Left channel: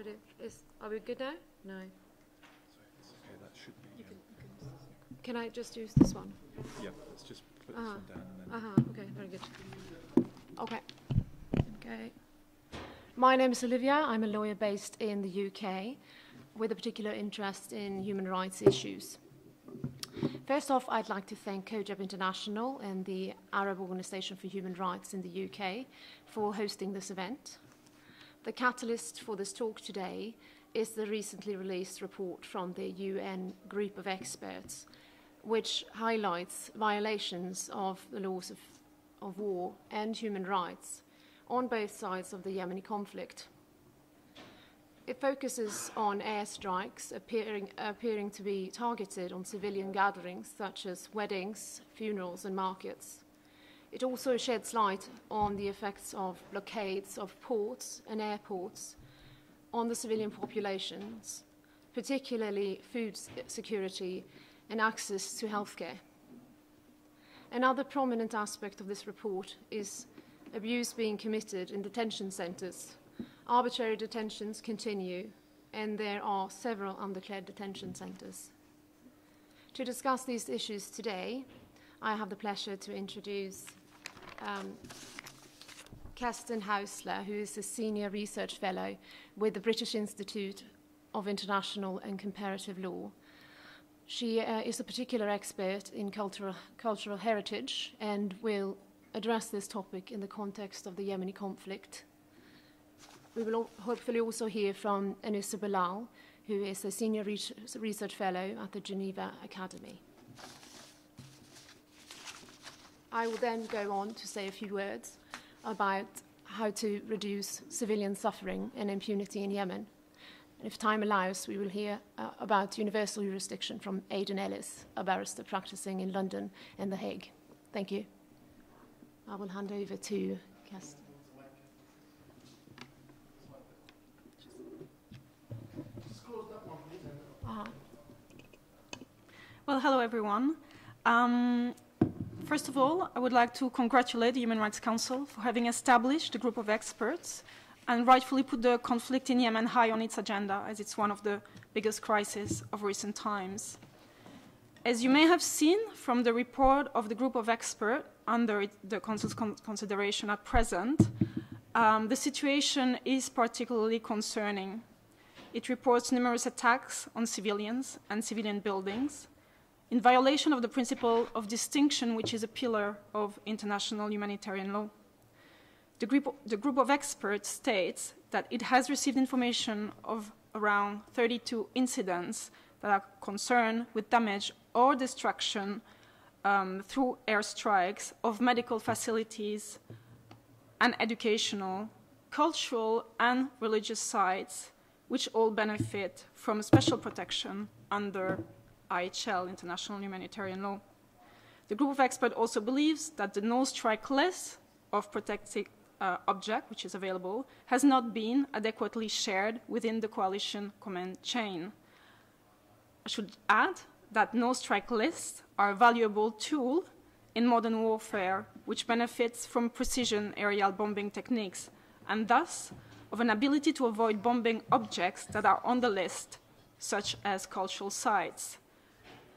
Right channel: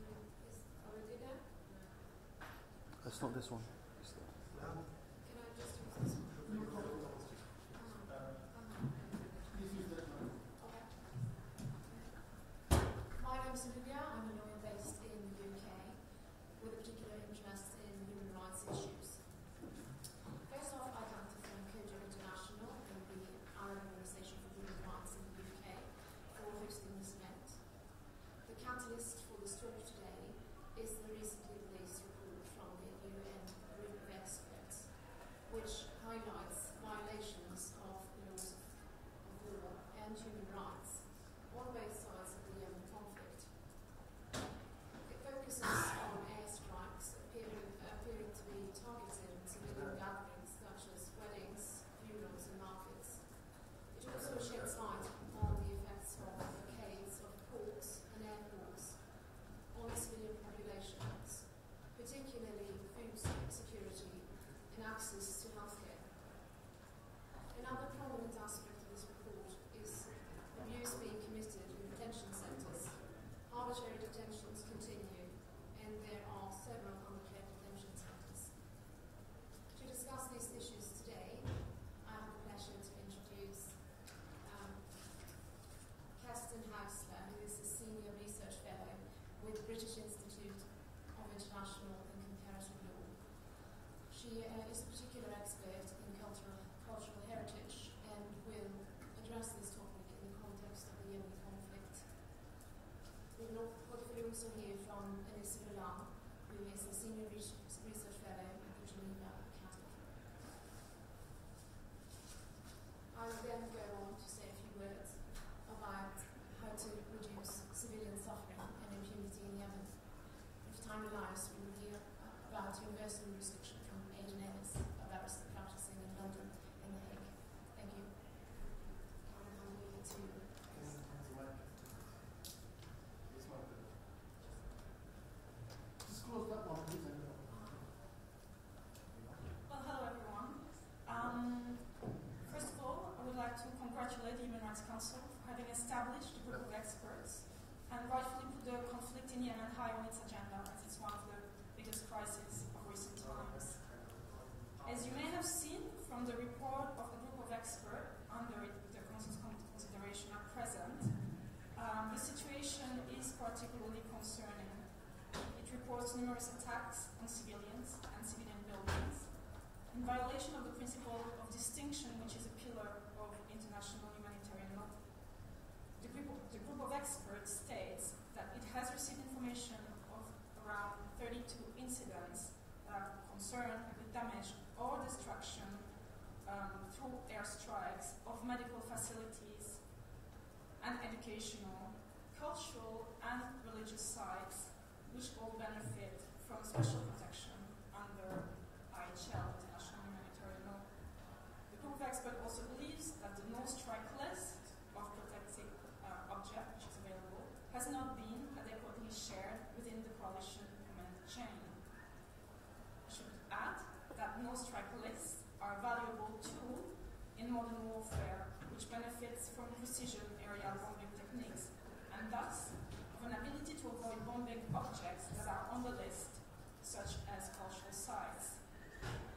ready. Are we good now? No. That's not this one. Can I just use this one? Yeah, let's just put this one down. Okay, very good. Okay. Okay. My name is Olivia. I'm a lawyer based in the UK with a particular interest in human rights issues. First off, I'd like to thank COJAB International and the Arab Organization for Human Rights in the UK for hosting this event. The catalyst for this talk today is the recently released report from the UN group of experts, which highlights violations of the laws of war and human rights on both sides of the Yemeni conflict. It focuses on airstrikes appearing to be targeted on civilian gatherings such as weddings, funerals, and markets. It also sheds light on the effects of blockades of ports and airports on the civilian populations, particularly food security and access to healthcare. Another prominent aspect of this report is abuse being committed in detention centres. Arbitrary detentions continue, and there are several undeclared detention centres. To discuss these issues today, I have the pleasure to introduce Kerstin Hausler, who is a Senior Research Fellow with the British Institute of International and Comparative Law. She is a particular expert in cultural heritage and will address this topic in the context of the Yemeni conflict. We will hopefully also hear from Anousa Bilal, who is a Senior Research Fellow at the Geneva Academy. I will then go on to say a few words about how to reduce civilian suffering and impunity in Yemen. If time allows, we will hear about universal jurisdiction from Aidan Ellis, a barrister practicing in London and The Hague. Thank you. I will hand over to Kerstin. Well, hello everyone. First of all, I would like to congratulate the Human Rights Council for having established a group of experts and rightfully put the conflict in Yemen high on its agenda, as it's one of the biggest crises of recent times. As you may have seen from the report of the group of experts under the Council's consideration at present, the situation is particularly concerning. It reports numerous attacks on civilians and civilian buildings, in violation of the principle of distinction, which is a pillar of international humanitarian law. The group of experts states that it has received information of around 32 incidents that are concerned with damage or destruction through airstrikes of medical facilities and educational, cultural, and religious sites, which all benefit from special protection under IHL, International Humanitarian Law. The group of experts also believes that the no-strike list of protected object, which is available, has not been adequately shared within the coalition command chain. I should add that no-strike lists are a valuable tool in modern warfare, which benefits from precision aerial bombing techniques, and thus of an ability to avoid bombing objects that are on the list, such as cultural sites.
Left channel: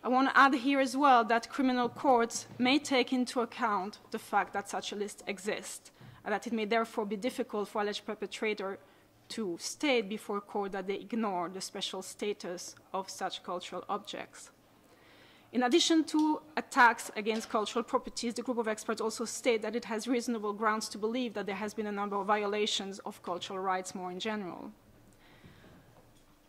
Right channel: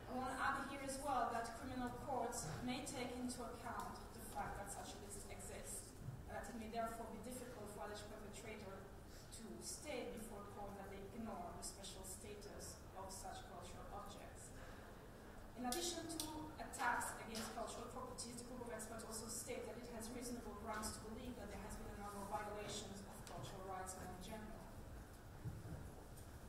I want to add here as well that criminal courts may take into account the fact that such a list exists, and that it may therefore be difficult for alleged perpetrator to state before court that they ignore the special status of such cultural objects. In addition to attacks against cultural properties, the group of experts also state that it has reasonable grounds to believe that there has been a number of violations of cultural rights more in general.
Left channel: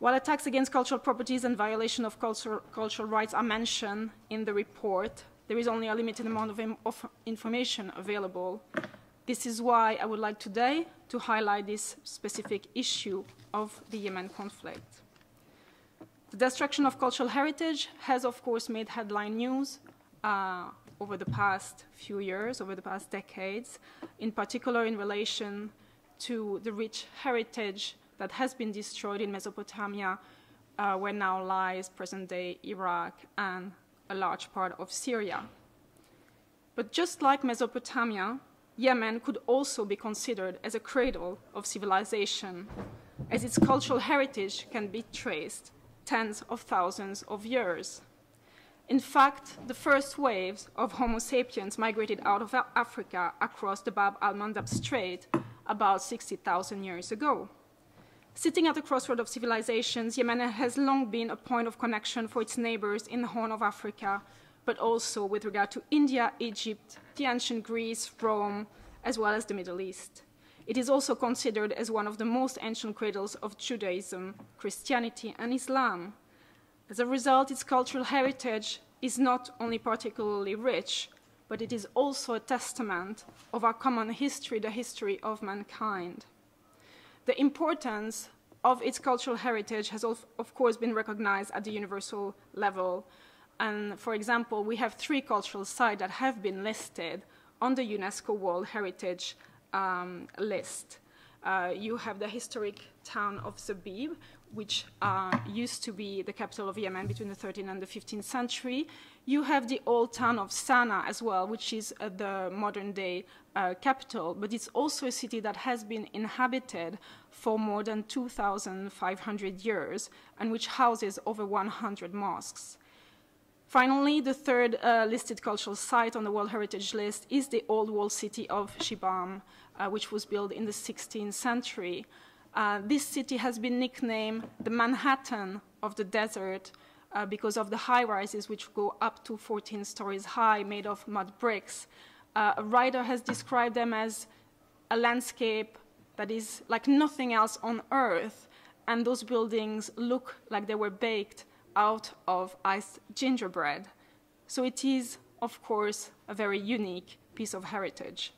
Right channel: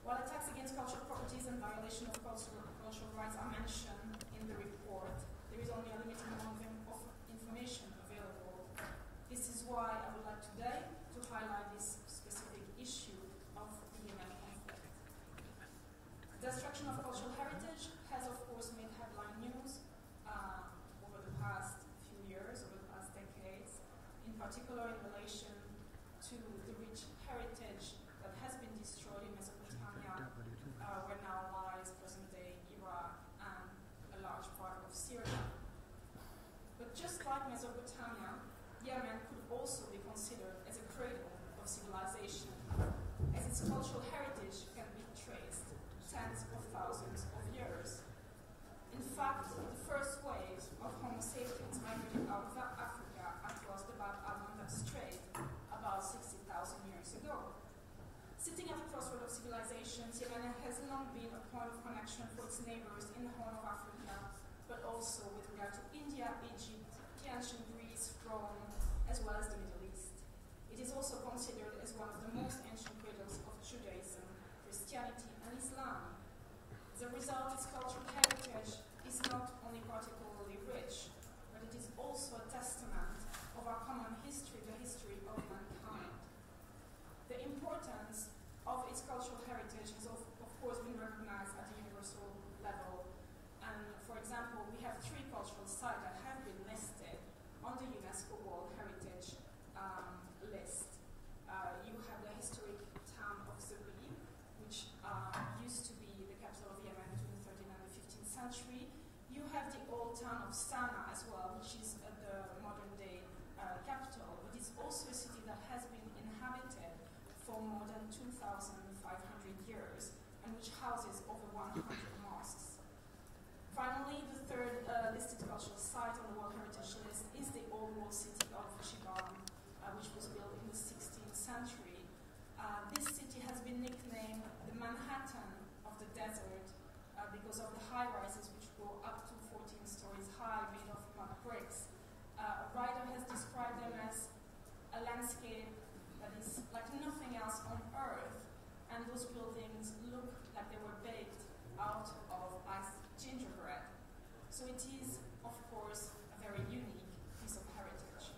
While attacks against cultural properties and violation of cultural rights are mentioned in the report, there is only a limited amount of information available. This is why I would like today to highlight this specific issue of the Yemen conflict. The destruction of cultural heritage has, of course, made headline news over the past few years, over the past decades, in particular in relation to the rich heritage that has been destroyed in Mesopotamia, where now lies present-day Iraq and a large part of Syria. But just like Mesopotamia, Yemen could also be considered as a cradle of civilization, as its cultural heritage can be traced tens of thousands of years. In fact, the first waves of Homo sapiens migrated out of Africa across the Bab al-Mandab Strait about 60,000 years ago. Sitting at the crossroad of civilizations, Yemen has long been a point of connection for its neighbors in the Horn of Africa, but also with regard to India, Egypt, the ancient Greece, Rome, as well as the Middle East. It is also considered as one of the most ancient cradles of Judaism, Christianity, and Islam. As a result, its cultural heritage is not only particularly rich, but it is also a testament of our common history, the history of mankind. The importance of its cultural heritage has, of course, been recognized at the universal level. And for example, we have 3 cultural sites that have been listed on the UNESCO World Heritage list. You have the historic town of Zabib, which used to be the capital of Yemen between the 13th and the 15th century. You have the old town of Sana'a as well, which is the modern-day capital, but it's also a city that has been inhabited for more than 2,500 years and which houses over 100 mosques. Finally, the third listed cultural site on the World Heritage List is the old walled city of Shibam, which was built in the 16th century. This city has been nicknamed the Manhattan of the desert because of the high-rises which go up to 14 stories high, made of mud bricks. A writer has described them as a landscape that is like nothing else on Earth, and those buildings look like they were baked out of iced gingerbread. So it is, of course, a very unique piece of heritage.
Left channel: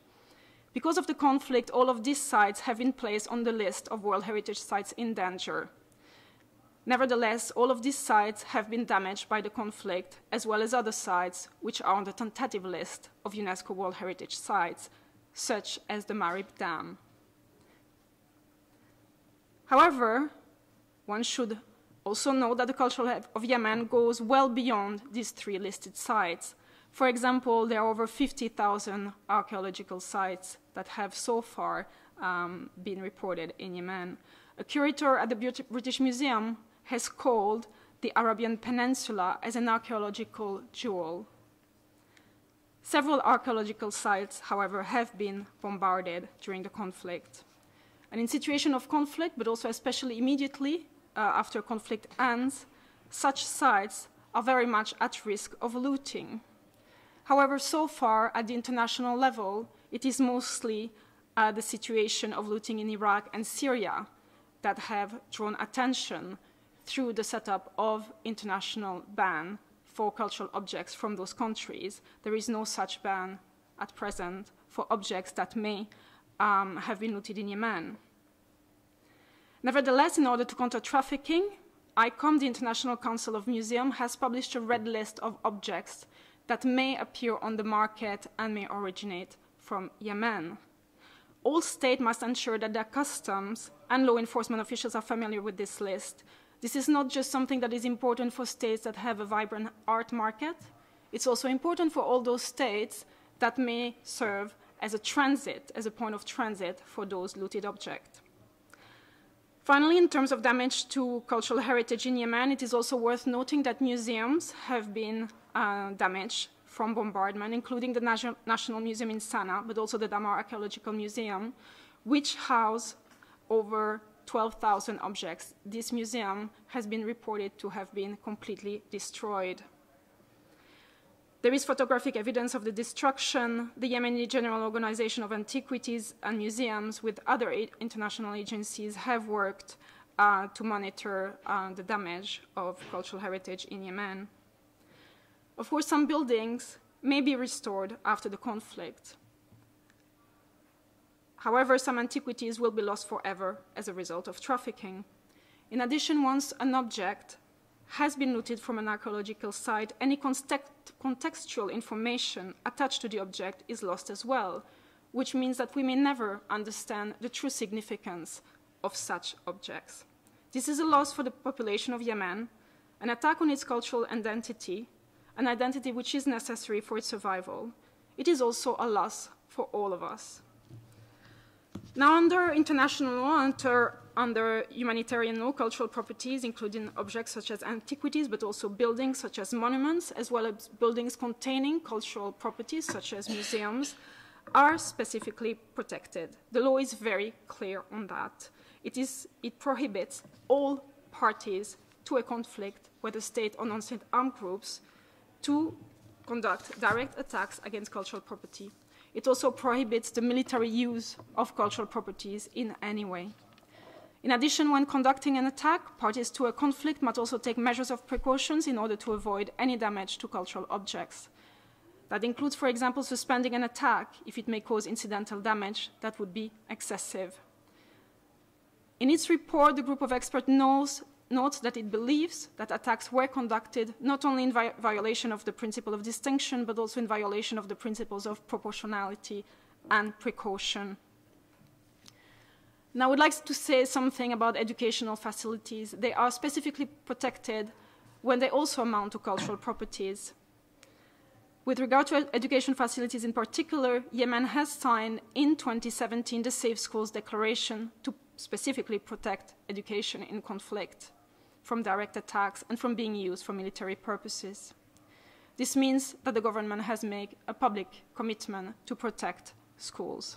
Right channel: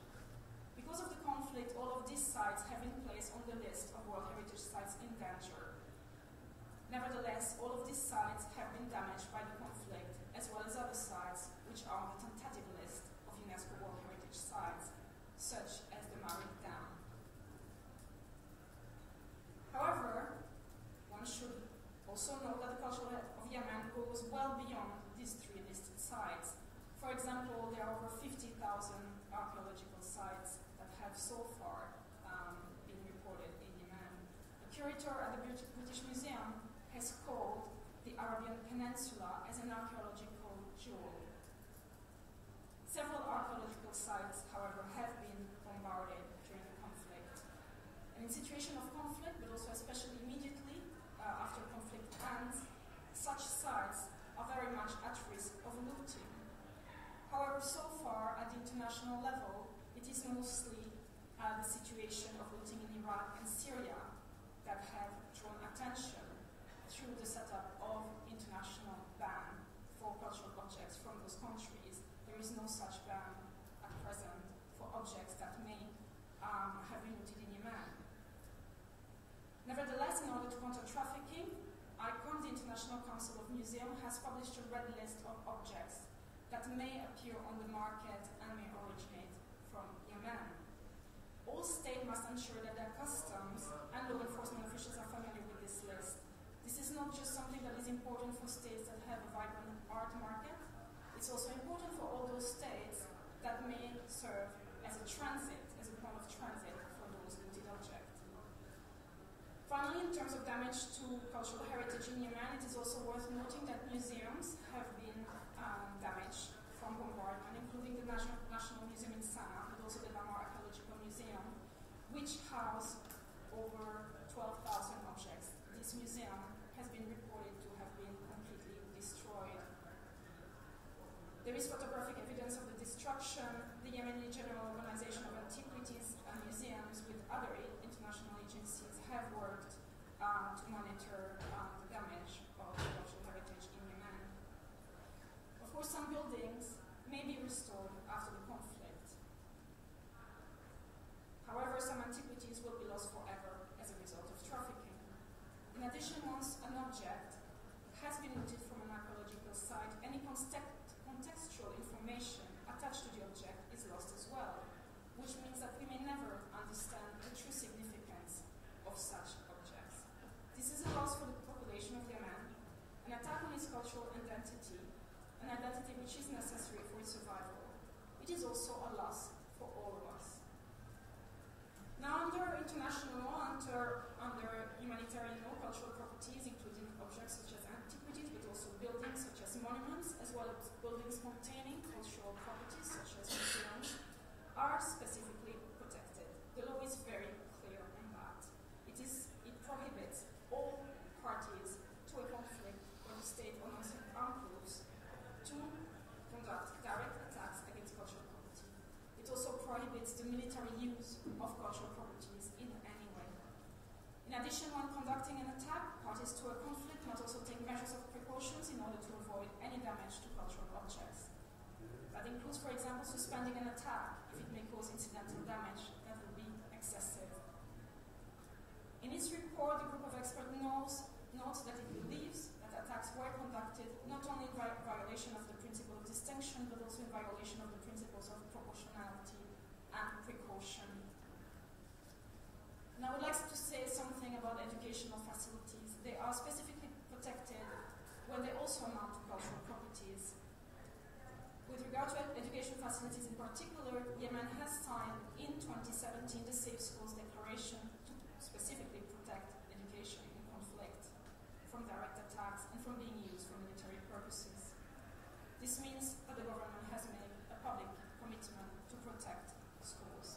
Because of the conflict, all of these sites have been placed on the list of World Heritage Sites in danger. Nevertheless, all of these sites have been damaged by the conflict, as well as other sites which are on the tentative list of UNESCO World Heritage Sites, such as the Marib Dam. However, one should also note that the culture of Yemen goes well beyond these 3 listed sites. For example, there are over 50,000 archaeological sites that have so far been reported in Yemen. A curator at the British Museum has called the Arabian Peninsula as an archaeological jewel. Several archaeological sites, however, have been bombarded during the conflict. And in situation of conflict, but also especially immediately after conflict ends, such sites are very much at risk of looting. However, so far at the international level, it is mostly the situation of looting in Iraq and Syria that have drawn attention through the setup of international ban for cultural objects from those countries. There is no such ban at present for objects that may have been looted in Yemen. Nevertheless, in order to counter trafficking, ICOM, the International Council of Museums, has published a red list of objects that may appear on the market and may originate from Yemen. All states must ensure that their customs and law enforcement officials are familiar with this list. This is not just something that is important for states that have a vibrant art market. It's also important for all those states that may serve as a transit, as a point of transit for those looted objects. Finally, in terms of damage to cultural heritage in Yemen, it is also worth noting that museums have been damaged from bombardment, including the National Museum in Sana'a, but also the Damar Archaeological Museum, which house over 12,000 objects. This museum has been reported to have been completely destroyed. There is photographic evidence of the destruction. The Yemeni General Organization of Antiquities and Museums, with other international agencies, have worked to monitor the damage of cultural heritage in Yemen. Of course, some buildings may be restored after the conflict. However, some antiquities will be lost forever as a result of trafficking. In addition, once an object has been looted from an archaeological site, any contextual information attached to the object is lost as well, which means that we may never understand the true significance of such objects. This is a loss for the population of Yemen, an attack on its cultural identity, an identity which is necessary for its survival. It is also a loss for all of us. Now, under international law, under under humanitarian law cultural properties, including objects such as antiquities, but also buildings such as monuments, as well as buildings containing cultural properties such as museums, are specifically protected. The law is very clear on that. It prohibits all parties to a conflict, whether state or non-state armed groups, to conduct direct attacks against cultural property. It also prohibits the military use of cultural properties in any way. In addition, when conducting an attack, parties to a conflict must also take measures of precautions in order to avoid any damage to cultural objects. That includes, for example, suspending an attack if it may cause incidental damage that would be excessive. In its report, the group of experts notes that it believes that attacks were conducted not only in violation of the principle of distinction, but also in violation of the principles of proportionality and precaution. Now, I would like to say something about educational facilities. They are specifically protected when they also amount to cultural properties. With regard to education facilities in particular, Yemen has signed in 2017 the Safe Schools Declaration to specifically protect education in conflict from direct attacks and from being used for military purposes. This means that the government has made a public commitment to protect schools.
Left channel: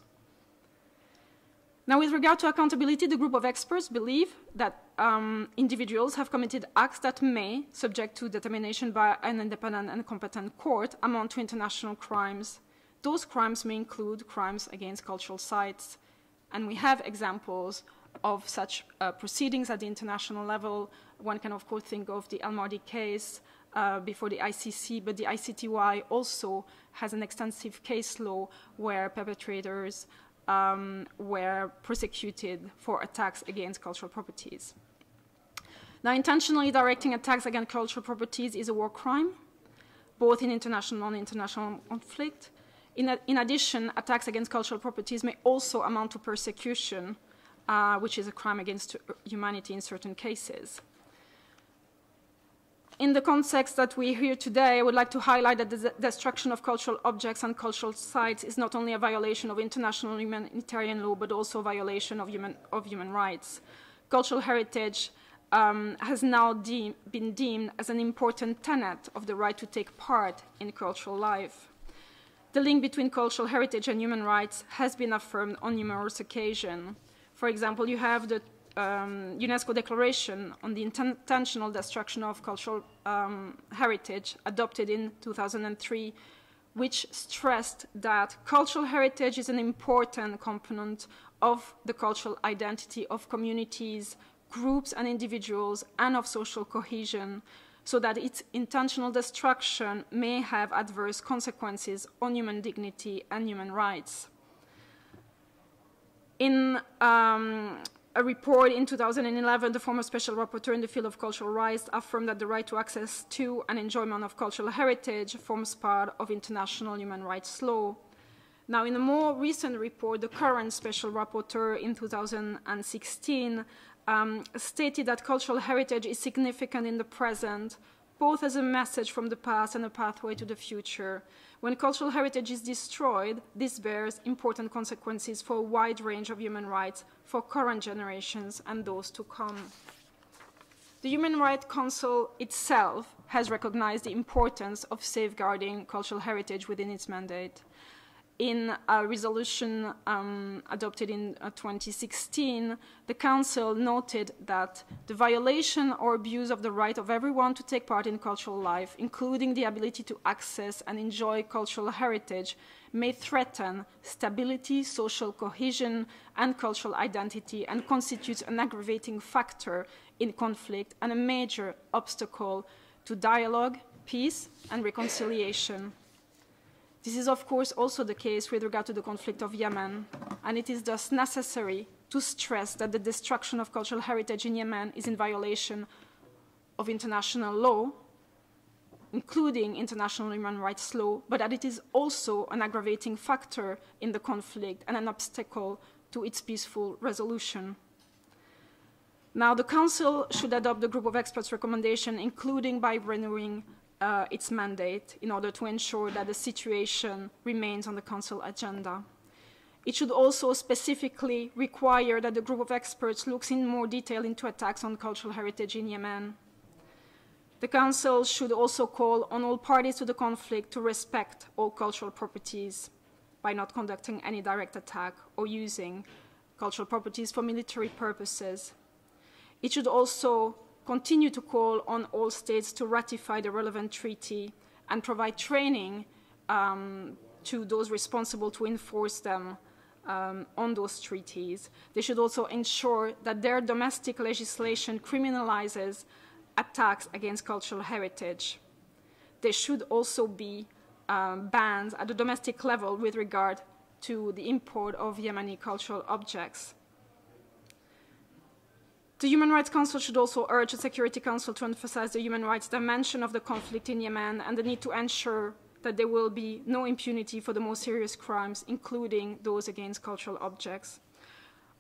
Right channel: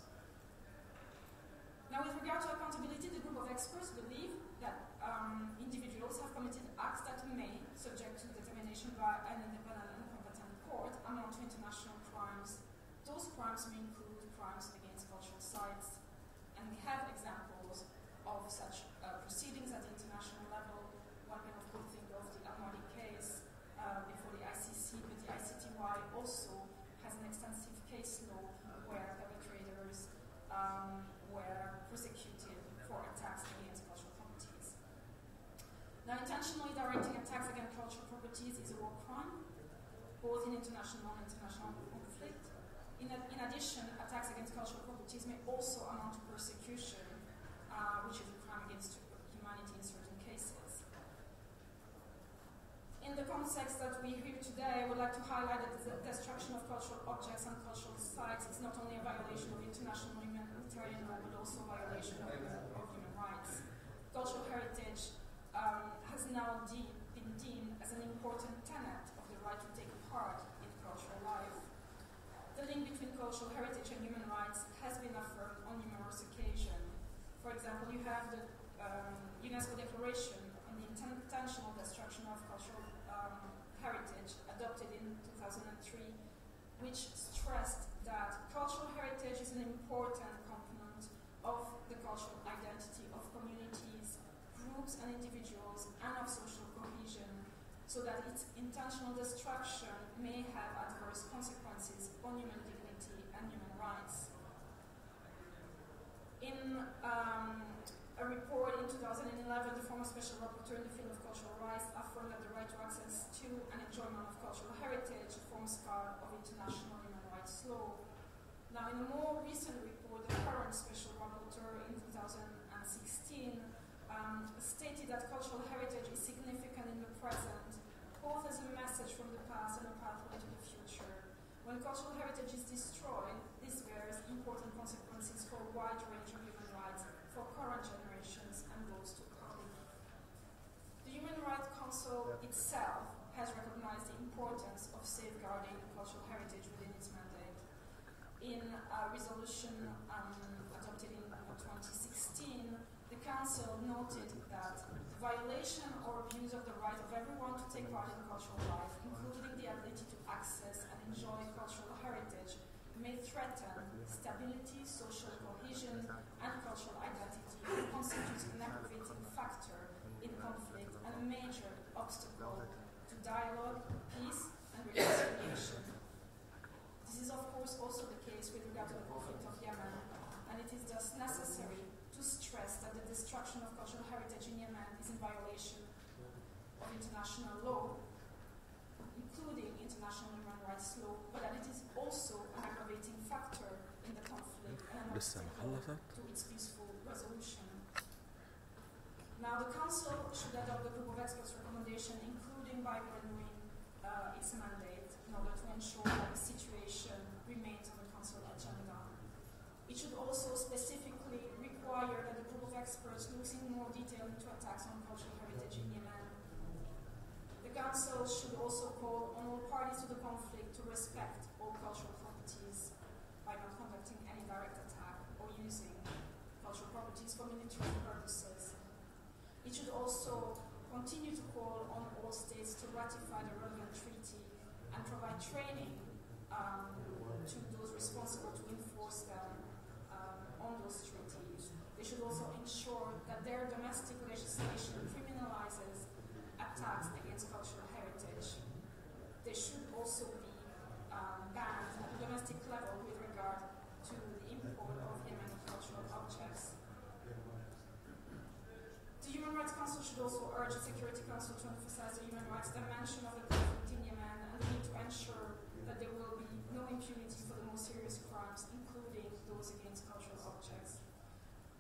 Now, with regard to accountability, the group of experts believe that individuals have committed acts that may, subject to determination by an independent and competent court, amount to international crimes. Those crimes may include crimes against cultural sites, and we have examples of such proceedings at the international level. One can, of course, think of the Al Mardi case before the ICC, but the ICTY also has an extensive case law where perpetrators were prosecuted for attacks against cultural properties. Now, intentionally directing attacks against cultural properties is a war crime, both in international and non-international conflict. In addition, attacks against cultural properties may also amount to persecution, which is a crime against humanity in certain cases. In the context that we hear today, I would like to highlight that the destruction of cultural objects and cultural sites is not only a violation of international humanitarian law, but also a violation of human rights. Cultural heritage has now been deemed as an important tenet of the right to take part in cultural life. The link between cultural heritage and human rights has been affirmed on numerous occasions. For example, you have the UNESCO Declaration on the Intentional Destruction of Cultural Heritage, adopted in 2003, which stressed that cultural heritage is an important component of the cultural identity of communities, groups, and individuals, and of social cohesion, so that its intentional destruction may have adverse consequences on human dignity and human rights. In a report in 2011, the former special rapporteur in the field of cultural rights affirmed that the right to access to and enjoyment of cultural heritage forms part of international human rights law. Now, in a more recent report, the current special rapporteur in 2016 stated that cultural heritage is significant in the present, both as a message from the past and a pathway to the future. When cultural heritage is destroyed, this bears important consequences for a wide range of human rights for current generations and those to come. The Human Rights Council itself has recognized the importance of safeguarding cultural heritage within its mandate. In a resolution adopted in 2016, the Council noted that the violation or abuse of the right of everyone to take part in cultural life, including the ability to access and enjoy cultural heritage, may threaten stability, social cohesion, and cultural identity, and constitutes an aggravating factor in conflict and a major obstacle to dialogue, peace, and reconciliation. This is, of course, also the case with regard to the conflict of Yemen, and it is thus necessary to stress that the destruction of cultural heritage in Yemen is in violation of international law, including international human rights law, but that it is also an aggravating factor in the conflict and an obstacle to its peaceful resolution. Now, the Council should adopt the group of experts' recommendation, including by renewing its mandate, in order to ensure that the situation remains on the Council agenda. It should also specifically require that the group of experts looks in more detail into attacks on cultural heritage in Yemen. The Council should also call on all parties to the conflict to respect all cultural properties by not conducting any direct attack or using cultural properties for military purposes. It should also continue to call on all states to ratify the relevant treaty and provide training to those responsible to enforce them on those treaties. They should also ensure that their domestic legislation criminalizes attacks against cultural heritage. There should also be bans at the domestic level with regard to the import of Yemeni cultural objects. The Human Rights Council should also urge the Security Council to emphasize the human rights dimension of the conflict in Yemen and the need to ensure that there will be no impunity for the most serious crimes, including those against cultural objects.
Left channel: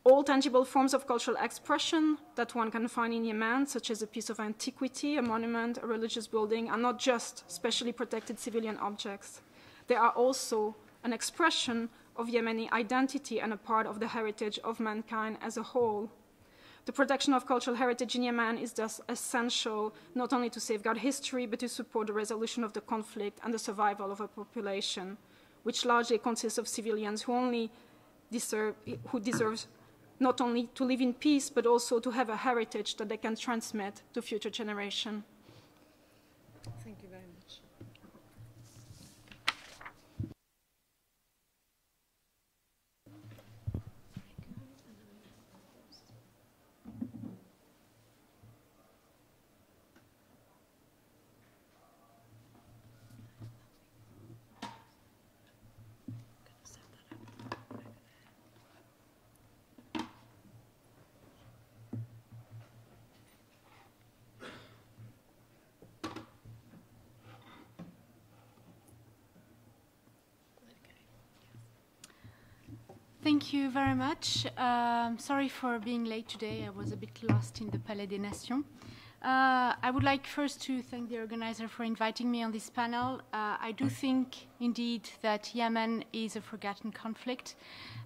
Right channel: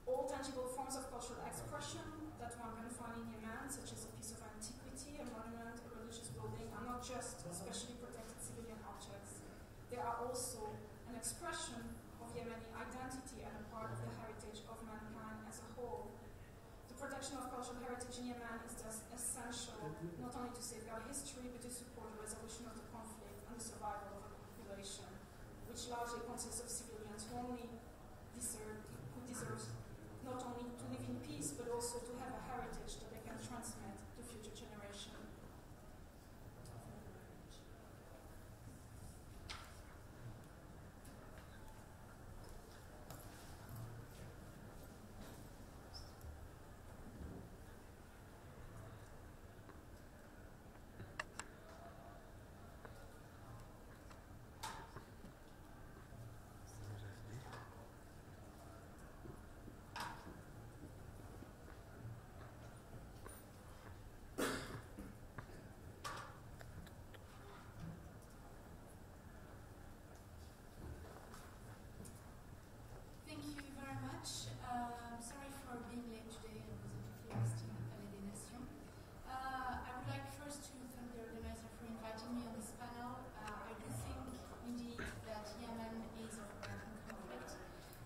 All tangible forms of cultural expression that one can find in Yemen, such as a piece of antiquity, a monument, a religious building, are not just specially protected civilian objects. They are also an expression of Yemeni identity and a part of the heritage of mankind as a whole. The protection of cultural heritage in Yemen is thus essential not only to safeguard history, but to support the resolution of the conflict and the survival of a population, which largely consists of civilians who deserve not only to live in peace, but also to have a heritage that they can transmit to future generations. Thank you very much. Thank you very much. Sorry for being late today. I was a bit lost in the Palais des Nations. I would like first to thank the organizer for inviting me on this panel. I do think, indeed, that Yemen is a forgotten conflict,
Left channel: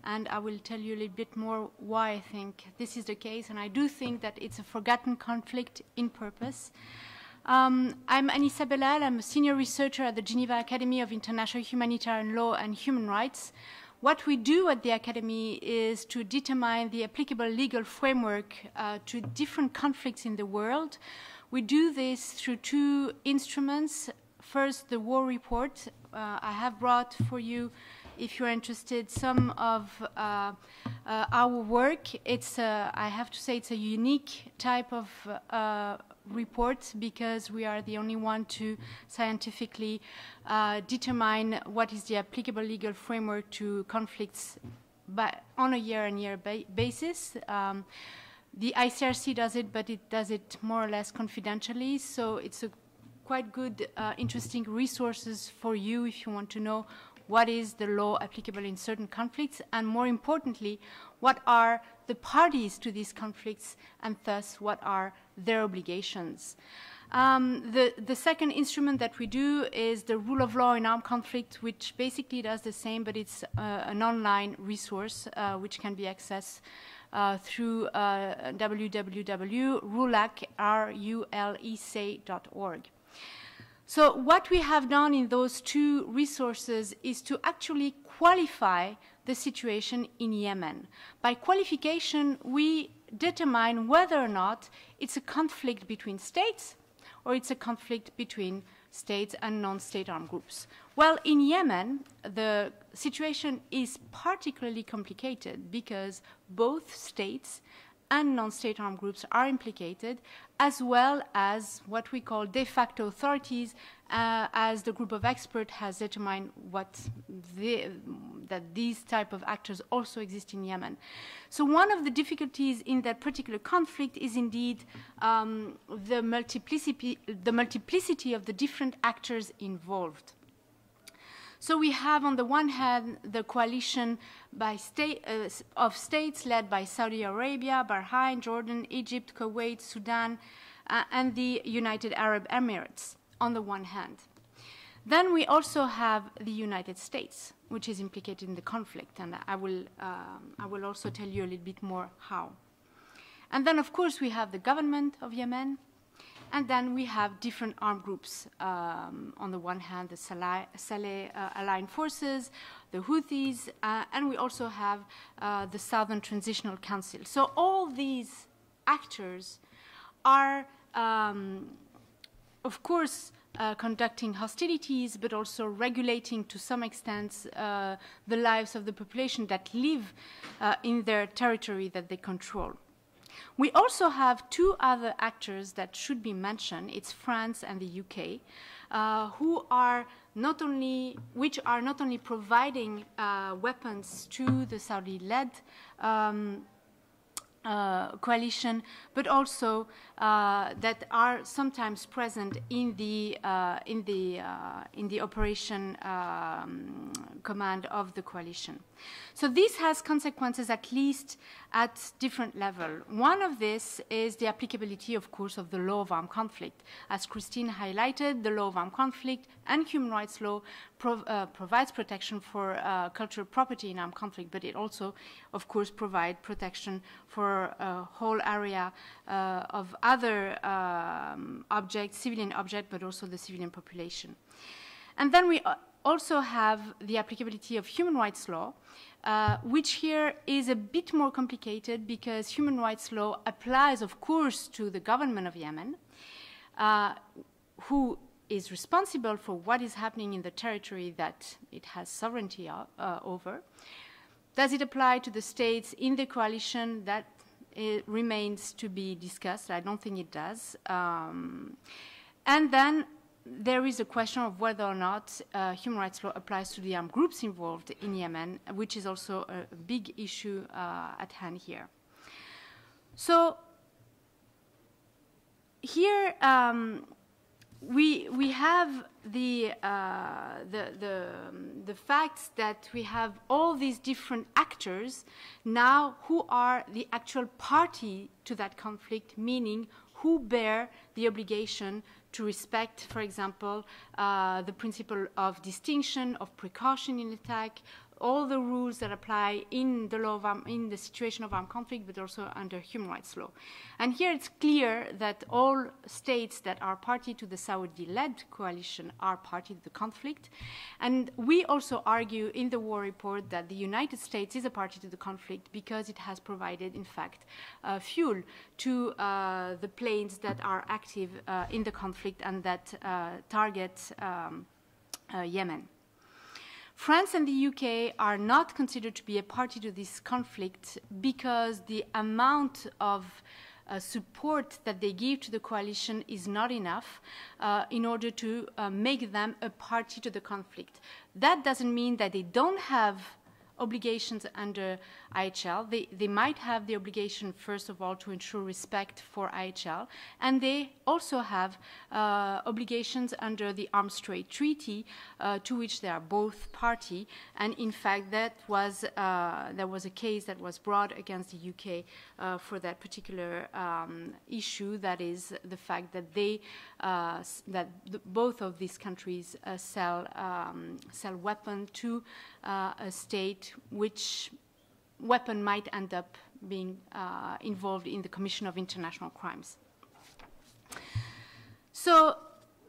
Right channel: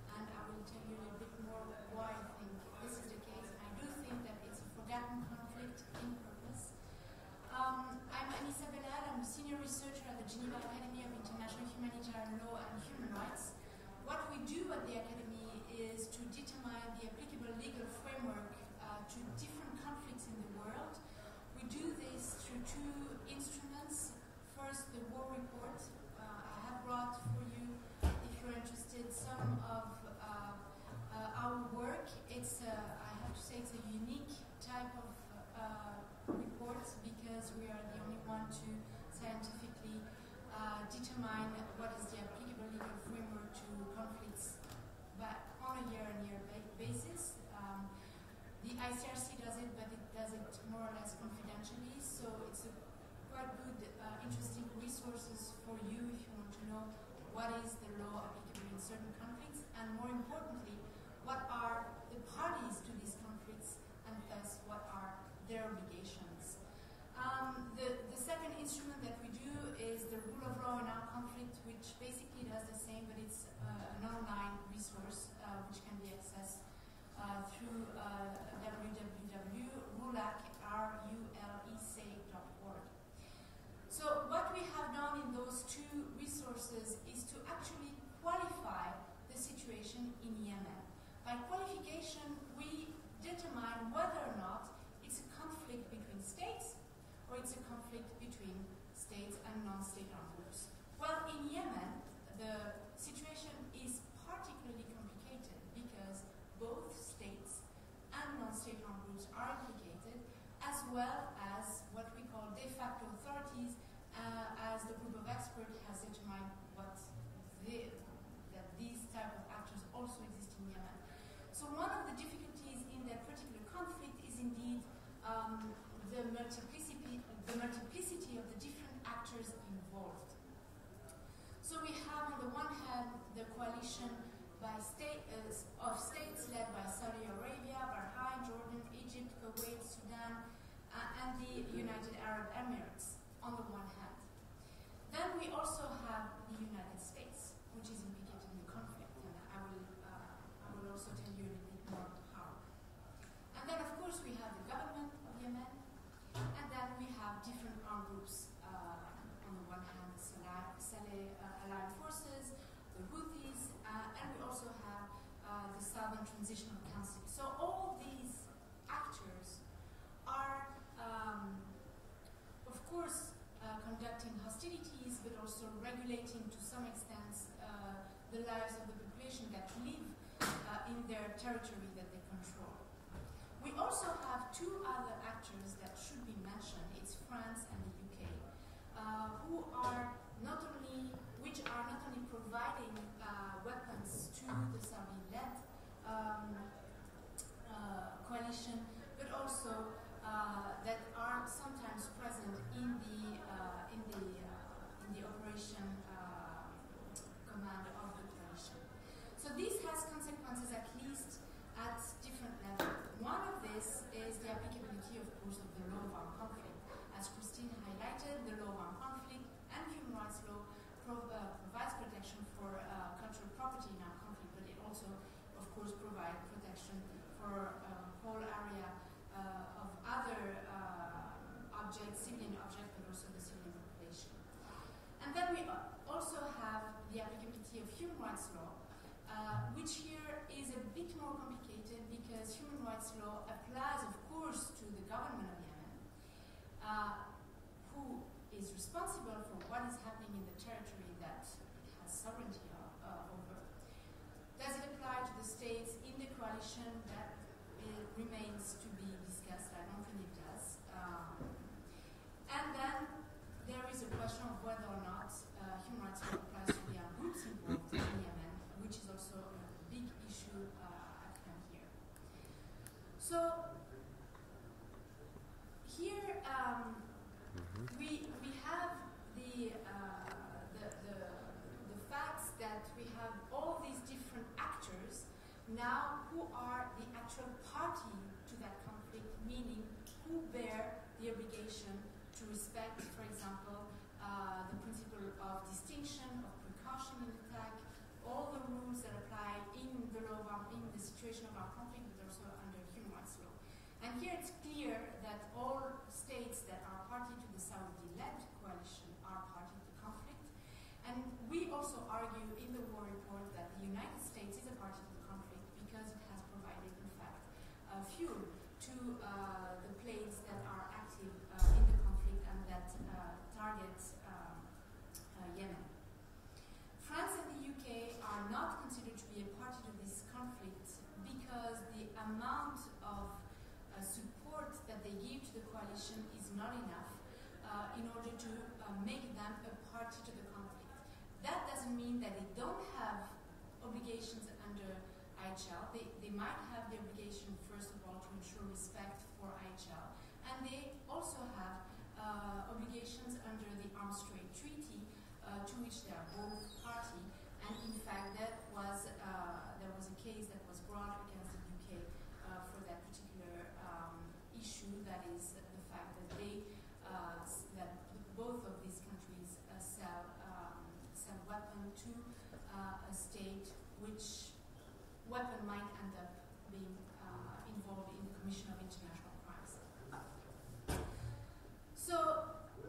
and I will tell you a little bit more why I think this is the case, and I do think that it's a forgotten conflict in purpose. I'm Anissa Belal. I'm a senior researcher at the Geneva Academy of International Humanitarian Law and Human Rights. What we do at the Academy is to determine the applicable legal framework to different conflicts in the world. We do this through two instruments. First, the War Report. I have brought for you, if you're interested, some of our work. I have to say, it's a unique type of report because we are the only one to scientifically determine what is the applicable legal framework to conflicts on a year-on-year basis. The ICRC does it, but it does it more or less confidentially, so it's a quite good, interesting resources for you if you want to know what is the law applicable in certain conflicts, and more importantly, what are the parties to these conflicts, and thus what are their obligations. The second instrument that we do is the rule of law in armed conflict, which basically does the same, but it's an online resource which can be accessed through www.rulec.org. So what we have done in those two resources is to actually qualify the situation in Yemen. By qualification, we determine whether or not it's a conflict between states or it's a conflict between states and non-state armed groups. Well, in Yemen, the situation is particularly complicated because both states and non-state armed groups are implicated, as well as what we call de facto authorities, as the group of experts has determined that these type of actors also exist in Yemen. So one of the difficulties in that particular conflict is indeed the multiplicity of the different actors involved. So we have on the one hand the coalition of states led by Saudi Arabia, Bahrain, Jordan, Egypt, Kuwait, Sudan, and the United Arab Emirates on the one hand. Then we also have the United States, which is implicated in the conflict, and I will also tell you a little bit more how. And then, of course, we have the government of Yemen, and then we have different armed groups. On the one hand, the Saleh Aligned Forces, the Houthis, and we also have the Southern Transitional Council. So all these actors are, of course, conducting hostilities, but also regulating to some extent the lives of the population that live in their territory that they control. We also have two other actors that should be mentioned. It's France and the UK, which are not only providing weapons to the Saudi-led coalition, but also that are sometimes present in the operation command of the coalition. So this has consequences at least at different levels. One of this is the applicability, of course, of the law of armed conflict. As Christine highlighted, the law of armed conflict and human rights law provides protection for cultural property in armed conflict, but it also, of course, provides protection for a whole area of other objects, civilian objects, but also the civilian population. And then we also have the applicability of human rights law, which here is a bit more complicated because human rights law applies, of course, to the government of Yemen, who is responsible for what is happening in the territory that it has sovereignty over. Does it apply to the states in the coalition? That remains to be discussed. I don't think it does. And then there is a question of whether or not human rights law applies to the armed groups involved in Yemen, which is also a big issue at hand here. So here we have the facts that we have all these different actors now who are the actual party to that conflict, meaning who bear the obligation to respect, for example, the principle of distinction, of precaution in attack, all the rules that apply in the law of in the situation of armed conflict, but also under human rights law. And here it's clear that all states that are party to the Saudi-led coalition are party to the conflict. And we also argue in the war report that the United States is a party to the conflict because it has provided, in fact, fuel to the planes that are active in the conflict and that target Yemen. France and the UK are not considered to be a party to this conflict because the amount of support that they give to the coalition is not enough in order to make them a party to the conflict. That doesn't mean that they don't have obligations under IHL. They might have the obligation, first of all, to ensure respect for IHL, and they also have obligations under the Arms Trade Treaty, to which they are both party. And in fact, that was there was a case that was brought against the UK for that particular issue. That is the fact that they both of these countries sell weapons to a state which weapon might end up being involved in the commission of international crimes. So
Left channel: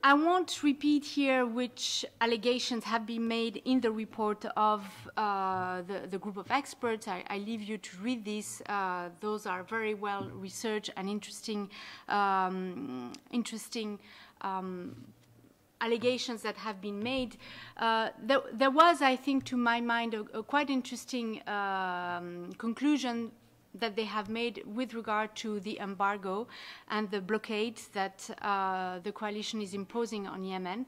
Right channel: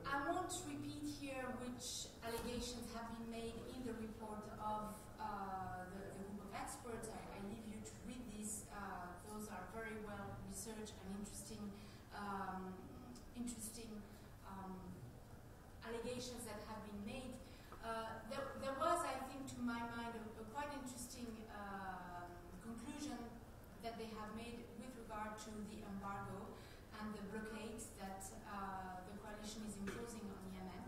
I won't repeat here which allegations have been made in the report of the group of experts. I leave you to read this. Those are very well researched and interesting allegations that have been made. There was, I think, to my mind, a quite interesting conclusion that they have made with regard to the embargo and the blockade that the coalition is imposing on Yemen,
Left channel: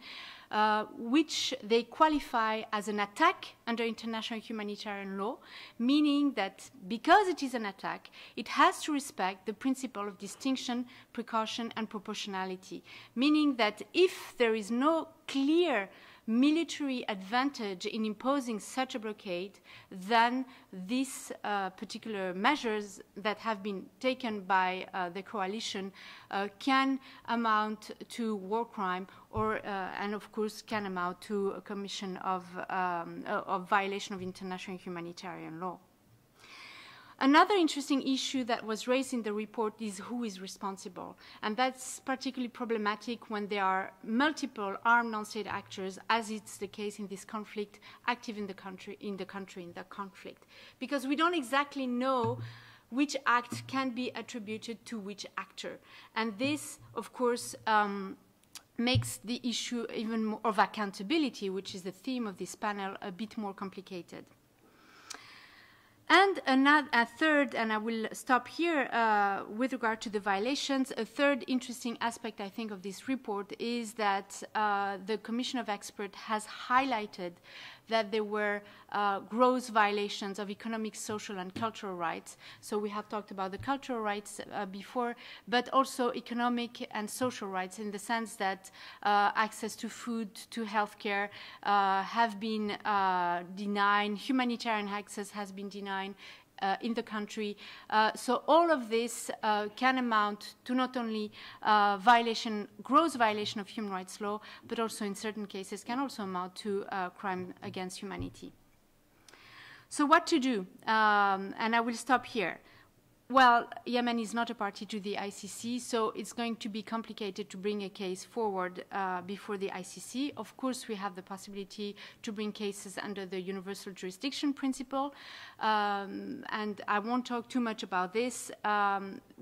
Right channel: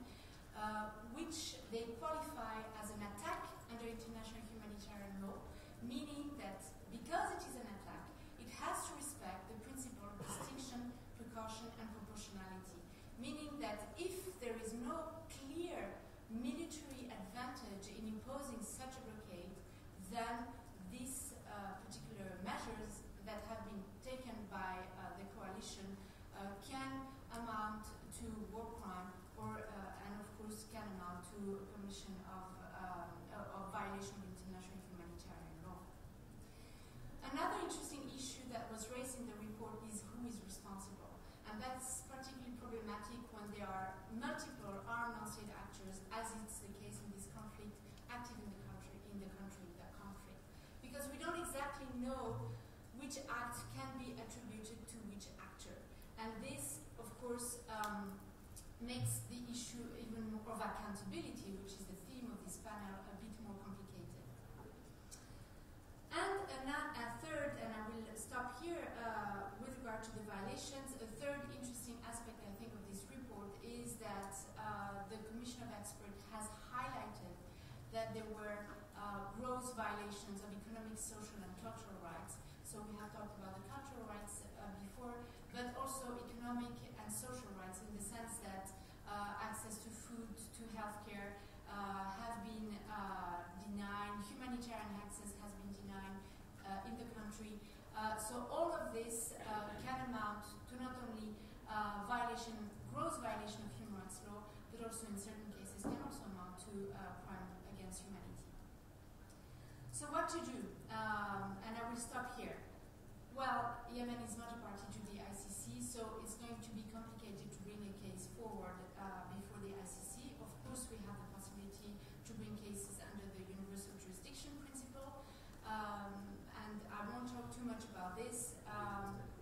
which they qualify as an attack under international humanitarian law, meaning that because it is an attack, it has to respect the principle of distinction, precaution, and proportionality, meaning that if there is no clear military advantage in imposing such a blockade, then these particular measures that have been taken by the coalition can amount to war crime or, and of course, can amount to a commission of violation of international humanitarian law. Another interesting issue that was raised in the report is who is responsible. And that's particularly problematic when there are multiple armed non-state actors, as it's the case in this conflict, active in the conflict. Because we don't exactly know which act can be attributed to which actor. And this, of course, makes the issue even more of accountability, which is the theme of this panel, a bit more complicated. And a third, and I will stop here with regard to the violations, a third interesting aspect, I think, of this report is that the Commission of Experts has highlighted that there were gross violations of economic, social, and cultural rights. So we have talked about the cultural rights before, but also economic and social rights in the sense that access to food, to healthcare have been denied, humanitarian access has been denied in the country. So all of this can amount to not only gross violation of human rights law, but also in certain cases can also amount to crime against humanity. So what to do? And I will stop here. Well, Yemen is not a party to the ICC, so it's going to be complicated to bring a case forward before the ICC. Of course, we have the possibility to bring cases under the universal jurisdiction principle, and I won't talk too much about this.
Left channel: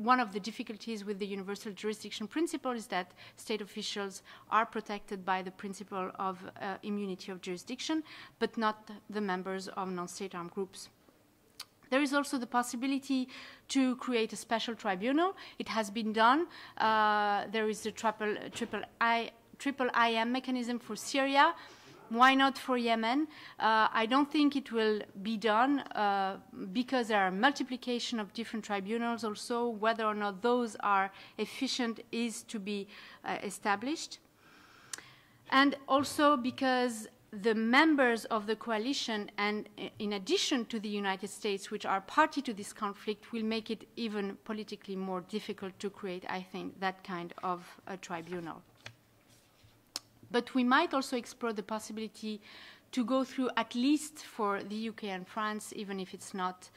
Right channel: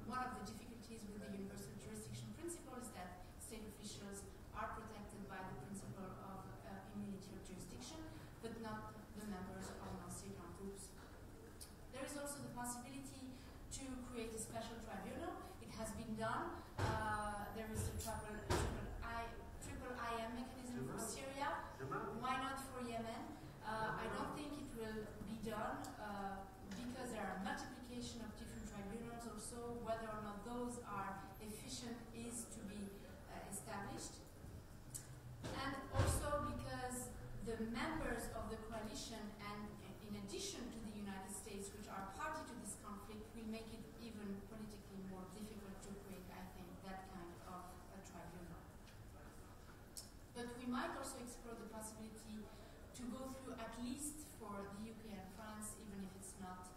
One of the difficulties with the universal jurisdiction principle is that state officials are protected by the principle of immunity of jurisdiction, but not the members of non-state armed groups. There is also the possibility to create a special tribunal. It has been done. There is the triple IM mechanism for Syria. Why not for Yemen? I don't think it will be done because there are multiplication of different tribunals also. Whether or not those are efficient is to be established. And also because the members of the coalition, and in addition to the United States, which are party to this conflict, will make it even politically more difficult to create, I think, that kind of a tribunal. But we might also explore the possibility to go through, at least for the UK and France, even if it's not,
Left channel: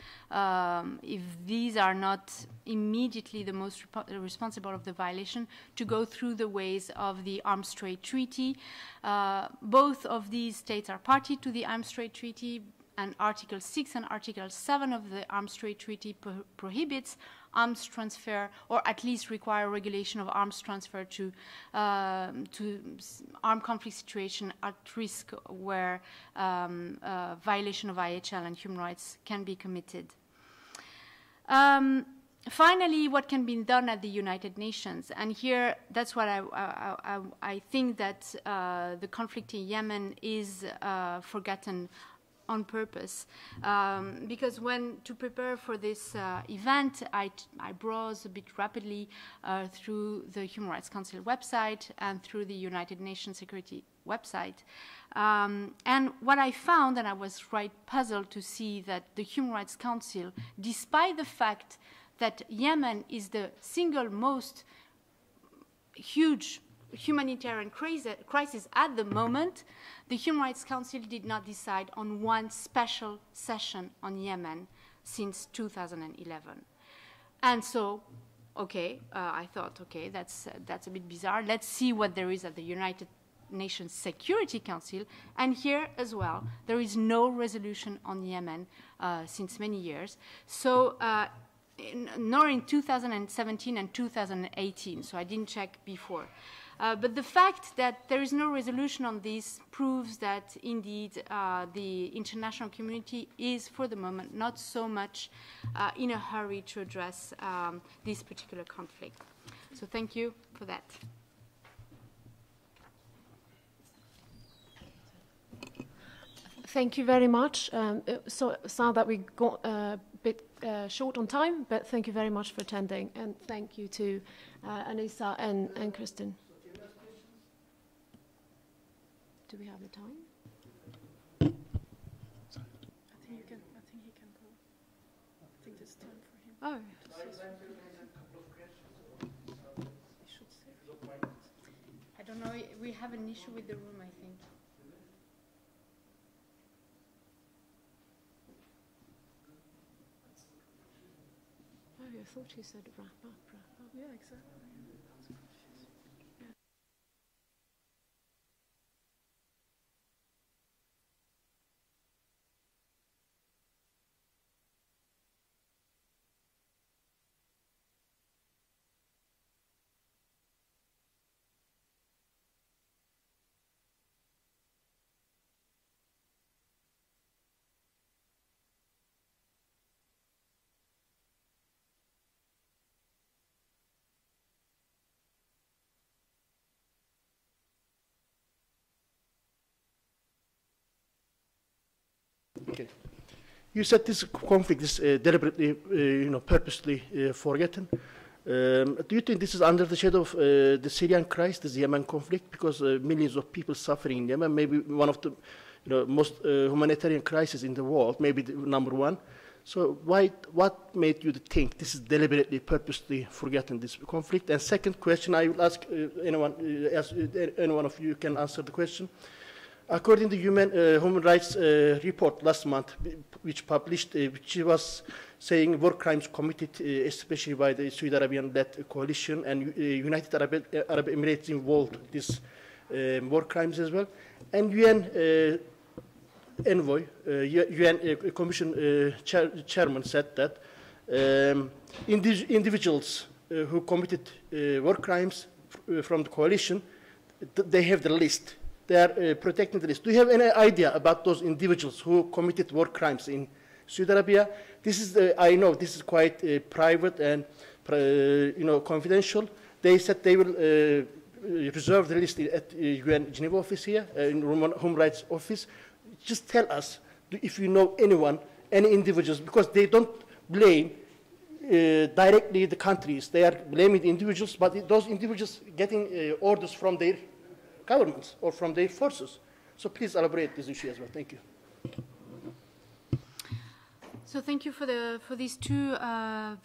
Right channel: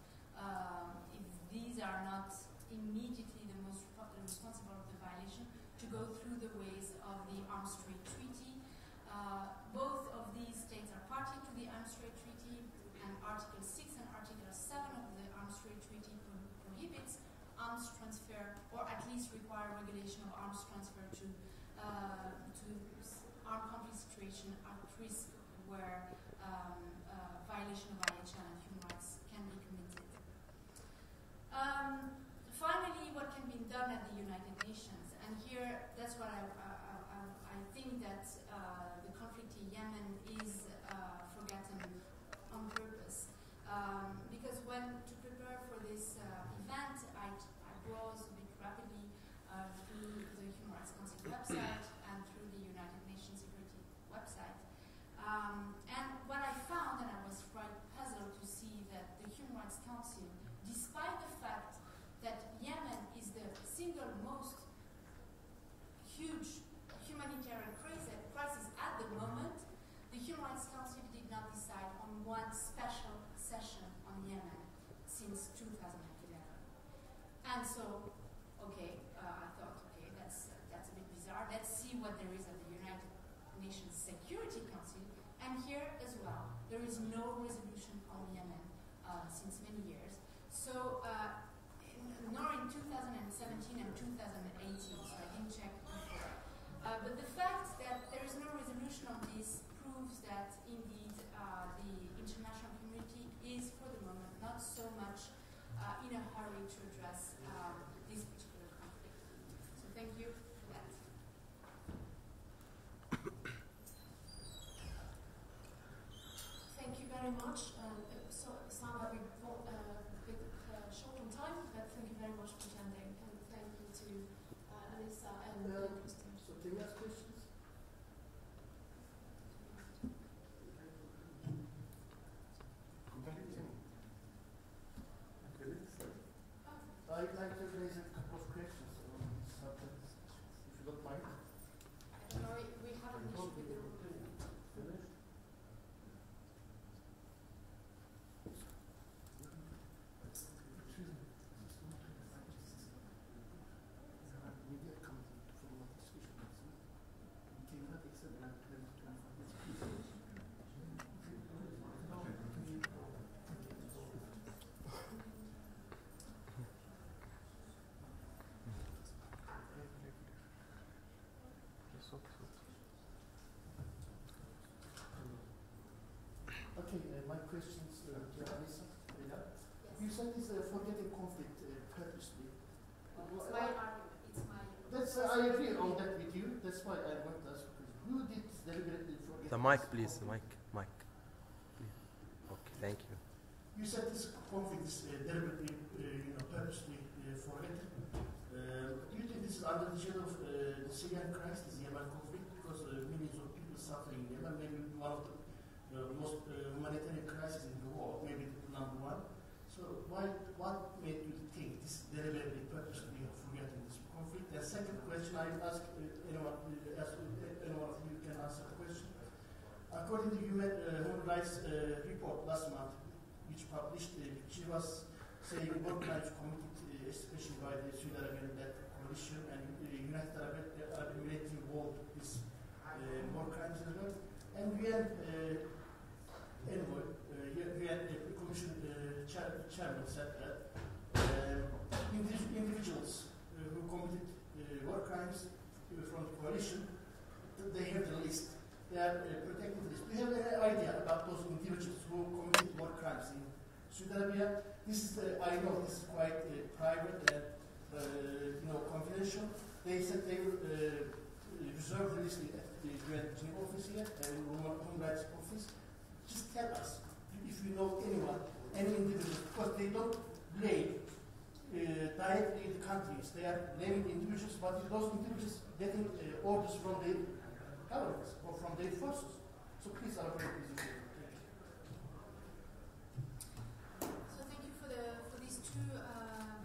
if these are not immediately the most responsible of the violation, to go through the ways of the Arms Trade Treaty. Both of these states are party to the Arms Trade Treaty, and Article 6 and Article 7 of the Arms Trade Treaty prohibits arms transfer, or at least require regulation of arms transfer to armed conflict situation at risk where violation of IHL and human rights can be committed. Finally, what can be done at the United Nations? And here, that's what I think that the conflict in Yemen is forgotten on purpose. Because when to prepare for this event, I browsed a bit rapidly through the Human Rights Council website and through the United Nations Security website. And what I found, and I was quite puzzled to see that the Human Rights Council, despite the fact that Yemen is the single most huge humanitarian crisis at the moment, the Human Rights Council did not decide on one special session on Yemen since 2011. And so, okay, I thought, okay, that's a bit bizarre. Let's see what there is at the United Nations Security Council. And here as well, there is no resolution on Yemen since many years. So, nor in 2017 and 2018, so I didn't check before. But the fact that there is no resolution on this proves that indeed the international community is, for the moment, not so much in a hurry to address this particular conflict. So thank you for that. Thank you very much. So sad that we got a bit short on time, but thank you very much for attending, and thank you to Anissa and Kristen. Do we have the time? issue with the room, I think. Oh, I thought you said Rafa. Yeah, exactly. Okay, my questions to Alisa. You said it's forgetting conflict purposely. That's, I agree on that with you. That's why I want to ask you. Who did deliberately forget? The mic, please. The mic. Mic. Okay. Thank you. You said this conflict is deliberately, purposely forgotten. Do you think this is under the shadow of the Syrian crisis, the Yemen conflict? Because millions of people suffering in Yemen, maybe one of the most humanitarian crises in the world, maybe the number one. So what made you think this is deliberately, purposely forgotten, this conflict? And second question, I will ask anyone of you can answer the question. According to human rights report last month, which published, which was saying war crimes committed, especially by the Saudi Arabian-led coalition, and United Arab Emirates involved these war crimes as well. And UN envoy, UN Commission chairman said that individuals who committed war crimes from the coalition, they have the list. They are protecting the list. Do you have any idea about those individuals who committed war crimes in Saudi Arabia? This is I know this is quite private and confidential. They said they will reserve the list at UN Geneva office here, in Human Rights Office. Just tell us if you know anyone, any individuals, because they don't blame directly the countries. They are blaming the individuals, but those individuals getting orders from their governments or from their forces. So please elaborate this issue as well. Thank you. So thank you for these two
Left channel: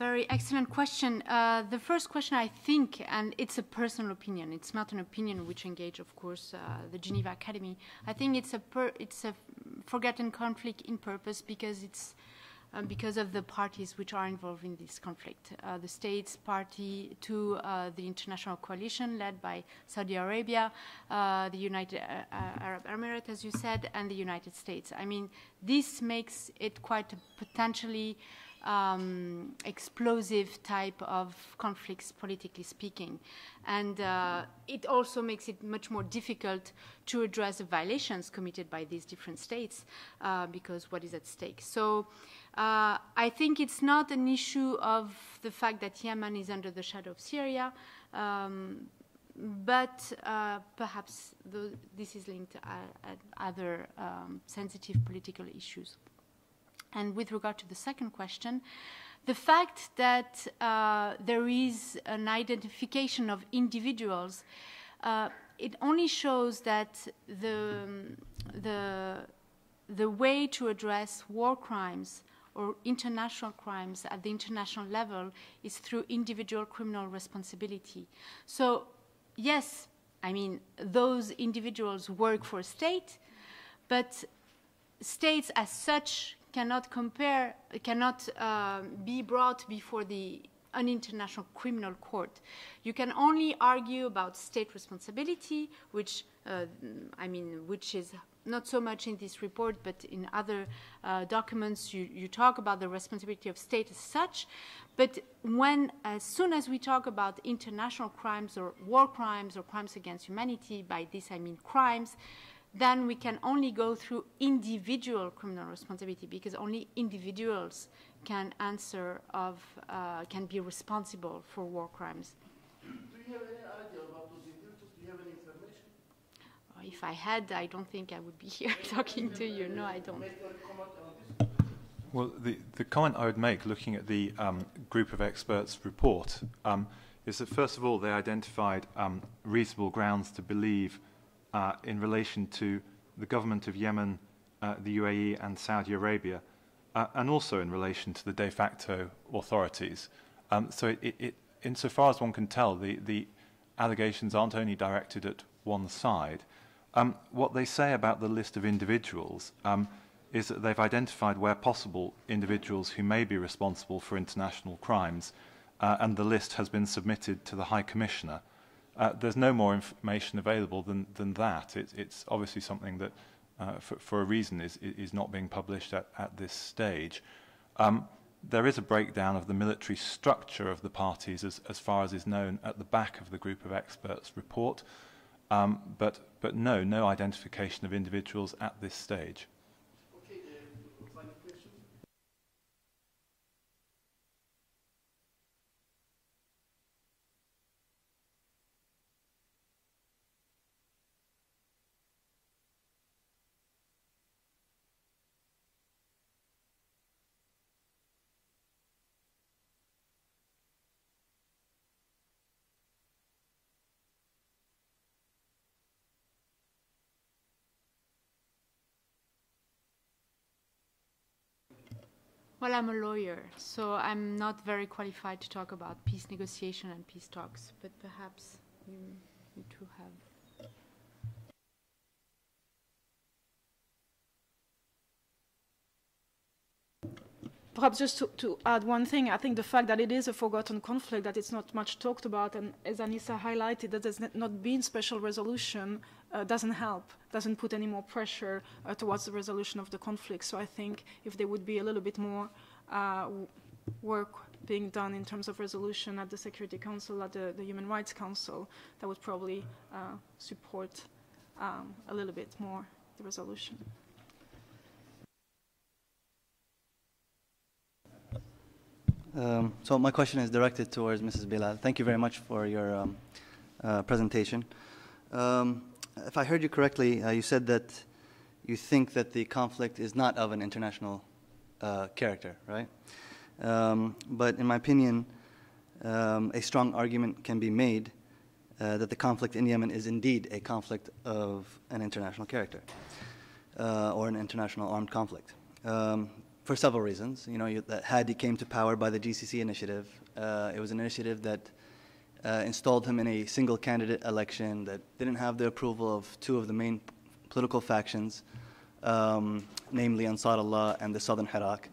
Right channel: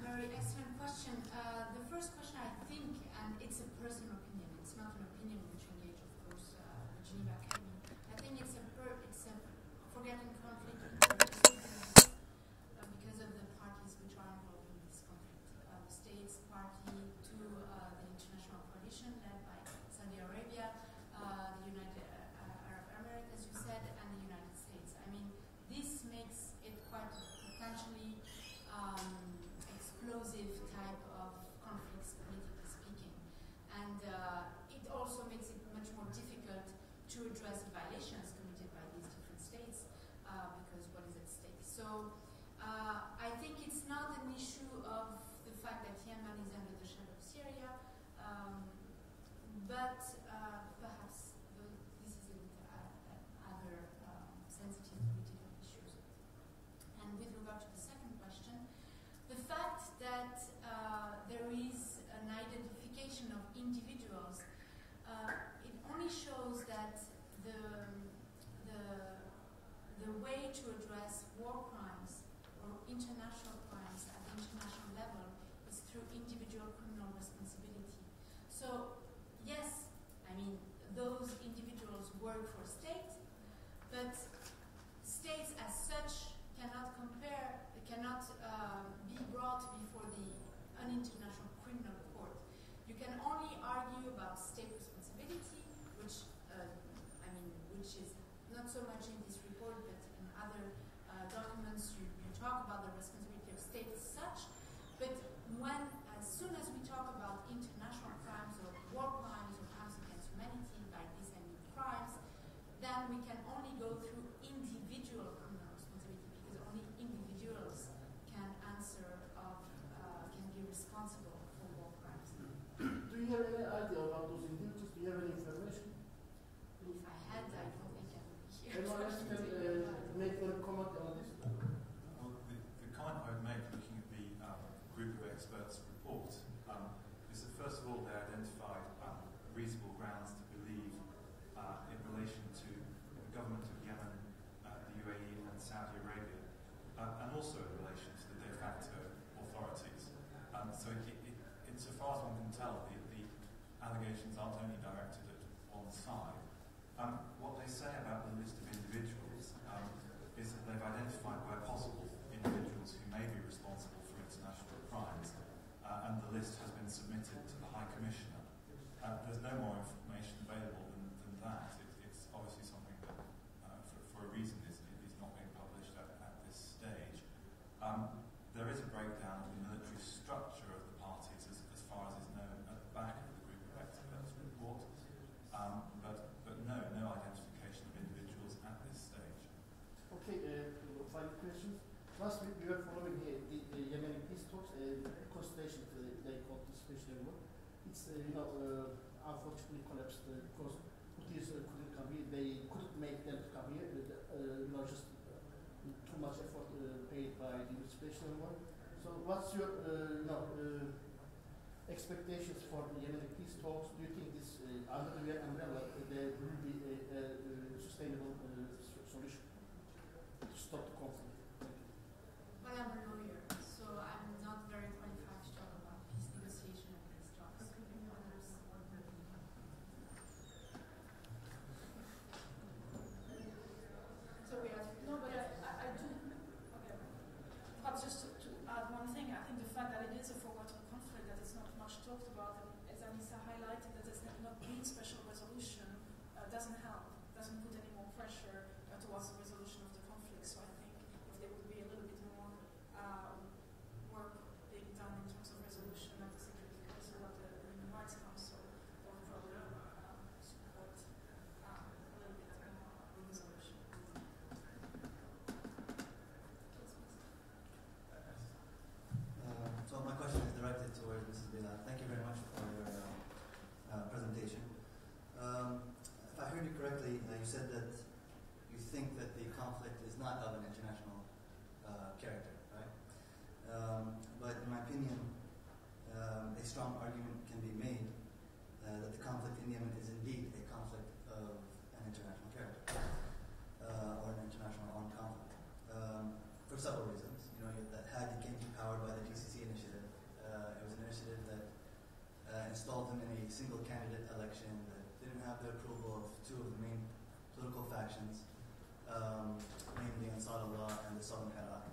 very excellent questions. The first question, I think, and it's a personal opinion. It's not an opinion which engage, of course, the Geneva Academy. I think it's a forgotten conflict in purpose because of the parties which are involved in this conflict. The states party to the international coalition led by Saudi Arabia, the United Arab Emirates, as you said, and the United States. I mean, this makes it quite a potentially explosive type of conflicts, politically speaking. And it also makes it much more difficult to address the violations committed by these different states because what is at stake. So I think it's not an issue of the fact that Yemen is under the shadow of Syria, but perhaps this is linked to other sensitive political issues. And with regard to the second question, the fact that there is an identification of individuals, it only shows that the way to address war crimes or international crimes at the international level is through individual criminal responsibility. So, yes, I mean, those individuals work for a state, but states as such cannot be brought before an international criminal court. You can only argue about state responsibility, which which is not so much in this report, but in other documents, you talk about the responsibility of state as such. But as soon as we talk about international crimes or war crimes or crimes against humanity, by this I mean crimes, then we can only go through individual criminal responsibility, because only individuals can be responsible for war crimes. Do you have any idea about those individuals? Do you have any information? If I had, I don't think I would be here talking to you. No, I don't. Well, the comment I would make, looking at the group of experts report, is that first of all they identified reasonable grounds to believe in relation to the government of Yemen, the UAE and Saudi Arabia, and also in relation to the de facto authorities. So insofar as one can tell, the allegations aren't only directed at one side, What they say about the list of individuals is that they've identified, where possible, individuals who may be responsible for international crimes, and the list has been submitted to the High Commissioner. There's no more information available than that. It's obviously something that, for a reason, is not being published at this stage. There is a breakdown of the military structure of the parties as far as is known at the back of the group of experts report, but no identification of individuals at this stage. Okay, final question. Last week we were following the Yemeni peace talks, consultation they called the special envoy. It's unfortunately collapsed because Houthis couldn't come here. They couldn't make them to come here. Just too much effort paid by the special envoy. So, what's your expectations for the Yemeni peace talks? Do you think this under the umbrella there will be a sustainable solution to stop the conflict? Well, I'm a lawyer, so I'm not very qualified to talk about peace negotiation and peace talks, but perhaps you two have. Perhaps just to add one thing, I think the fact that it is a forgotten conflict, that it's not much talked about, and as Anissa highlighted, that there's not been special resolution, doesn't help, doesn't put any more pressure towards the resolution of the conflict. So I think if there would be a little bit more work being done in terms of resolution at the Security Council, at the Human Rights Council, that would probably support a little bit more the resolution. So my question is directed towards Mrs. Bilal. Thank you very much for your presentation. If I heard you correctly, you said that you think that the conflict is not of an international character, right? But in my opinion, a strong argument can be made that the conflict in Yemen is indeed a conflict of an international character, or an international armed conflict. For several reasons. That Hadi came to power by the GCC initiative. It was an initiative that installed him in a single candidate election that didn't have the approval of two of the main political factions, namely Ansar Allah and the Southern Iraq.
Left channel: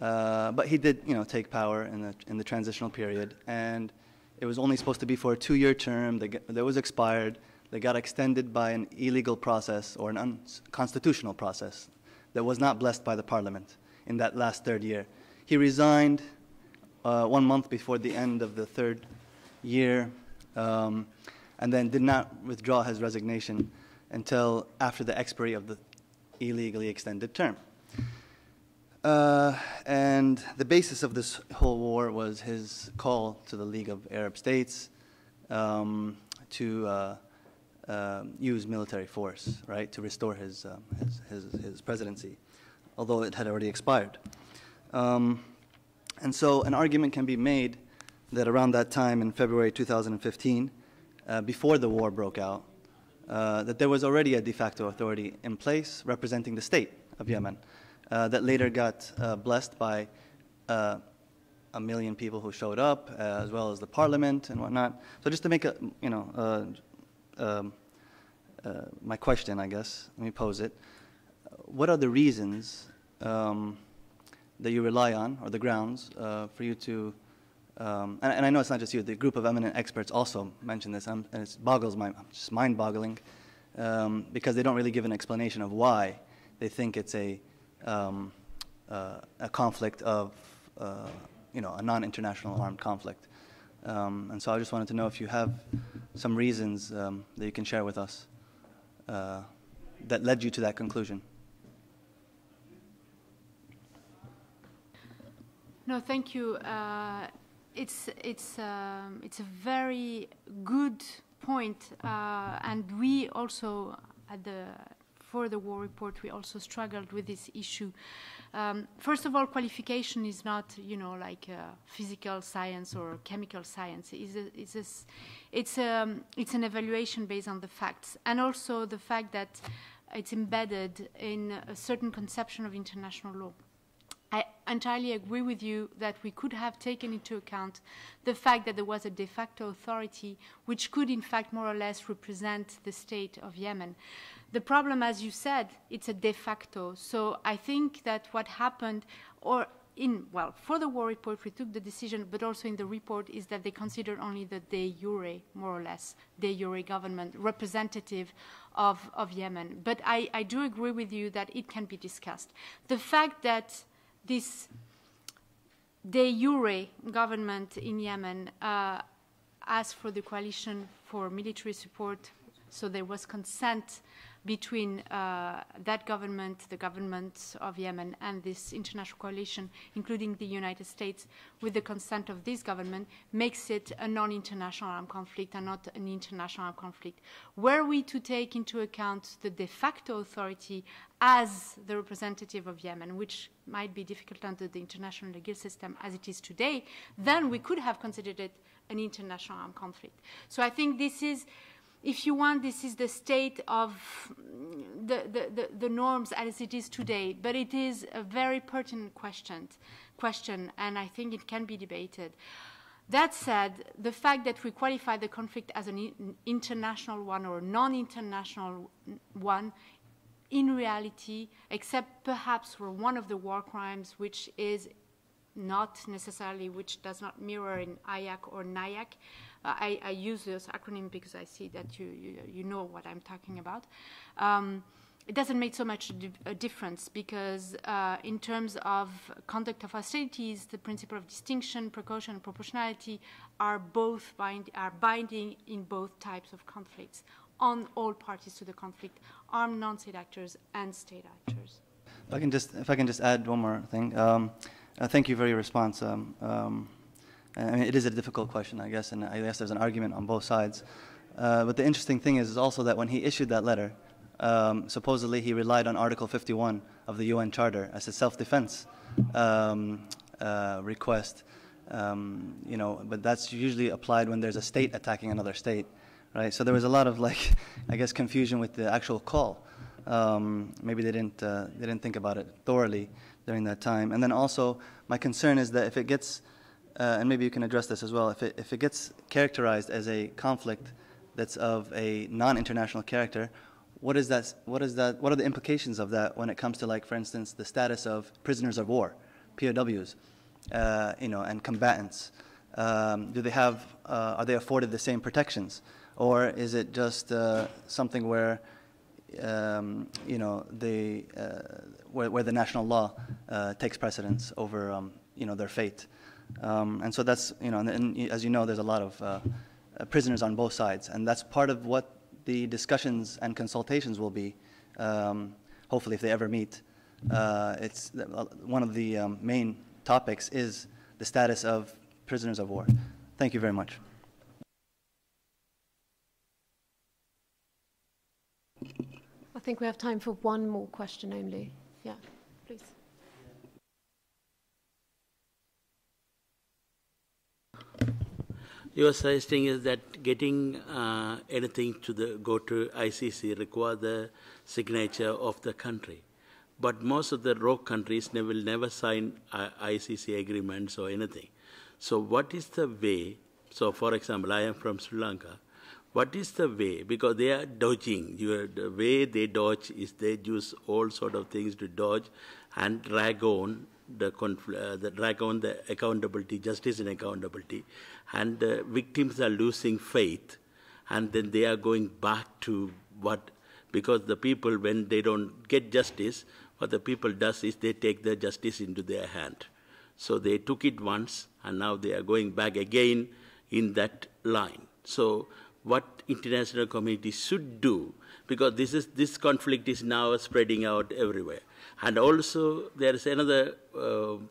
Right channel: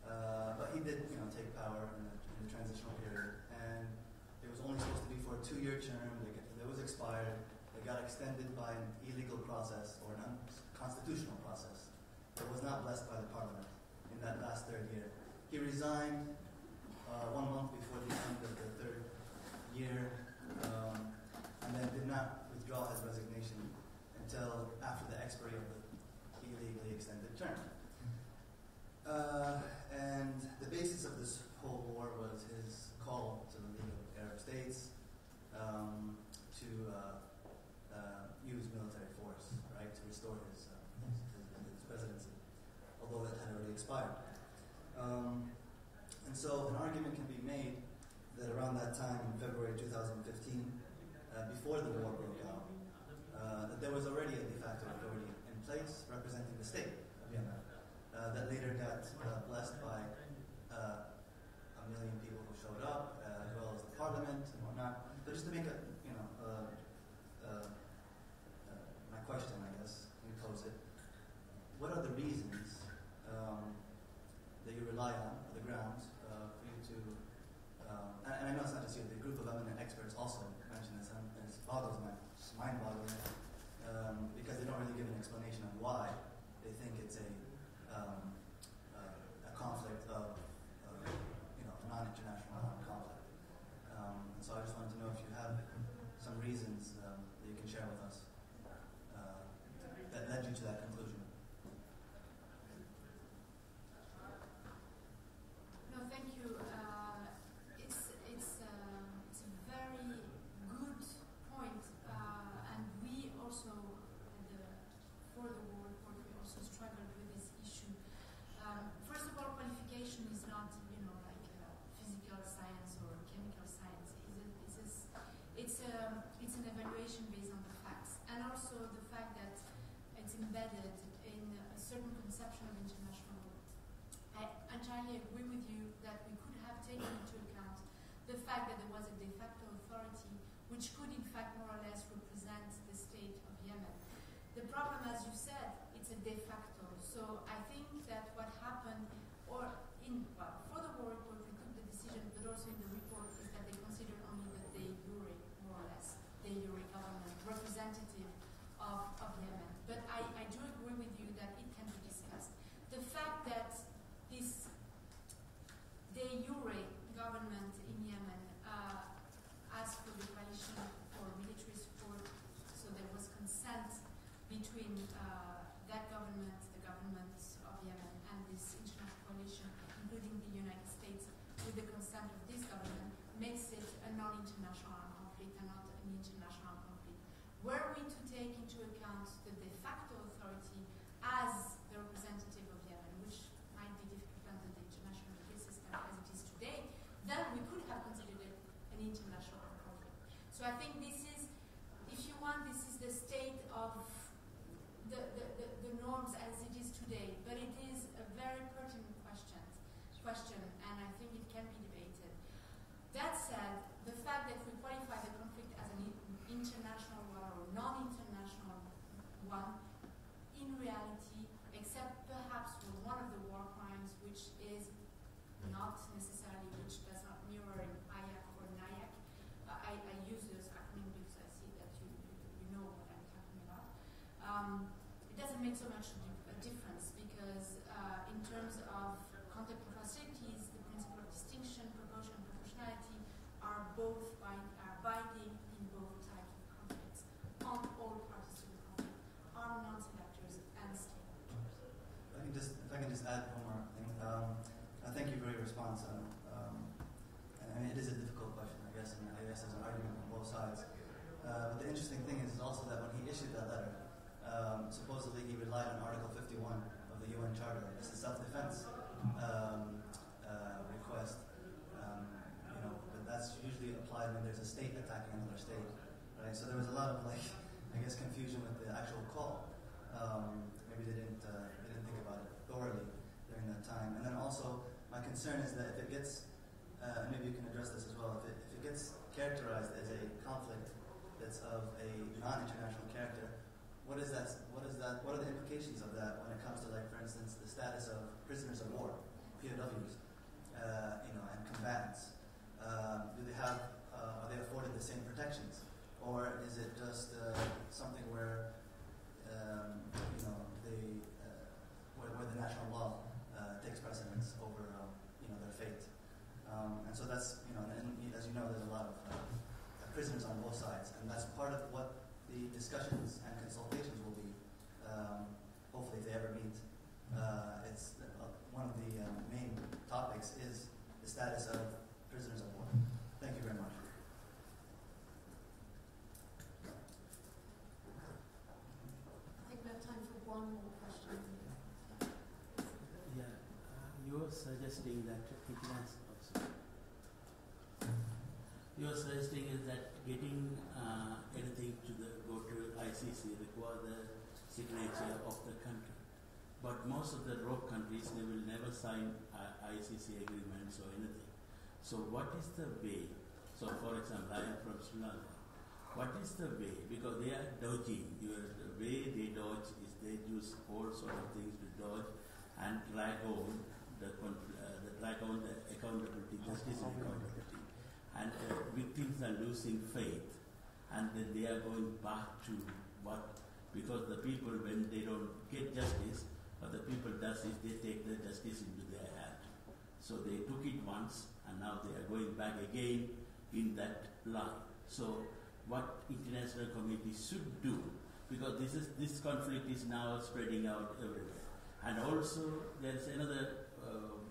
But he did, take power in the transitional period, and it was only supposed to be for a 2-year term. That was expired. They got extended by an illegal process or an unconstitutional process that was not blessed by the parliament in that last third year. He resigned 1 month before the end of the third year, and then did not withdraw his resignation until after the expiry of the illegally extended term. And the basis of this whole war was his call to the League of Arab States to use military force, right, to restore his presidency, although it had already expired. And so an argument can be made that around that time in February 2015, before the war broke out, that there was already a de facto authority in place representing the state of Yemen that later got blessed by 1 million people who showed up, as well as the parliament and whatnot. So just to make my question, I guess, let me pose it. What are the reasons that you rely on, or the grounds, for you to, and I know it's not just you, the group of eminent experts also mentioned this, and it boggles just mind-boggling, because they don't really give an explanation of why they think it's a conflict of, a non-international armed conflict. And so I just wanted to know if you have some reasons that you can share with us that led you to that conclusion. No, thank you. It's a very good point, and we also for the war report we also struggled with this issue. First of all, qualification is not like physical science or chemical science. It's an evaluation based on the facts, and also the fact that it's embedded in a certain conception of international law. I entirely agree with you that we could have taken into account the fact that there was a de facto authority which could in fact more or less represent the state of Yemen. The problem, as you said, it's a de facto. So I think that what happened, or for the war report we took the decision, but also in the report, is that they considered only the de jure, more or less, de jure government representative of Yemen. But I do agree with you that it can be discussed. The fact that this de jure government in Yemen asked for the coalition for military support, so there was consent between that government, the government of Yemen, and this international coalition, including the United States, with the consent of this government, makes it a non-international armed conflict and not an international armed conflict. Were we to take into account the de facto authority as the representative of Yemen, which might be difficult under the international legal system as it is today, then we could have considered it an international armed conflict. So I think this is, if you want, this is the state of the norms as it is today, but it is a very pertinent question, and I think it can be debated. That said, the fact that we qualify the conflict as an international one or non-international one, in reality, except perhaps for one of the war crimes, which is not necessarily, which does not mirror in IAC or NIAC, I use this acronym because I see that you know what I'm talking about. It doesn't make so much a difference because in terms of conduct of hostilities, the principle of distinction, precaution, and proportionality are both binding in both types of conflicts on all parties to the conflict, armed non-state actors and state actors. If I can just add one more thing. Thank you for your response. I mean, it is a difficult question, I guess, and I guess there's an argument on both sides. But the interesting thing is also that when he issued that letter, supposedly he relied on Article 51 of the UN Charter as a self-defense request. You know, but that's usually applied when there's a state attacking another state, right? So there was a lot of, like, I guess, confusion with the actual call. Maybe they didn't think about it thoroughly during that time. And then also, my concern is that if it gets and maybe you can address this as well. If it gets characterized as a conflict that's of a non-international character, what are the implications of that when it comes to, like, for instance, the status of prisoners of war, POWs, you know, and combatants? Do they have? Are they afforded the same protections, or is it just something where, you know, where the national law takes precedence over, you know, their fate? And so that's, you know, and as you know, there's a lot of prisoners on both sides, and that's part of what the discussions and consultations will be, hopefully if they ever meet. It's one of the main topics is the status of prisoners of war. Thank you very much. I think we have time for one more question only. Yeah, please. You were suggesting that you are suggesting is that getting anything to go to ICC require the signature of the country, but most of the rogue countries will never sign ICC agreements or anything. So what is the way? So for example, I am from Sri Lanka. What is the way? Because they are dodging. The way they dodge is they use all sort of things to dodge and drag on the accountability, justice and accountability. And the victims are losing faith, and then they are going back to what, because the people, when they don't get justice, what the people does is they take the justice into their hand. So they took it once, and now they are going back again in that line. So what international community should do, because this conflict is now spreading out everywhere. And also there is another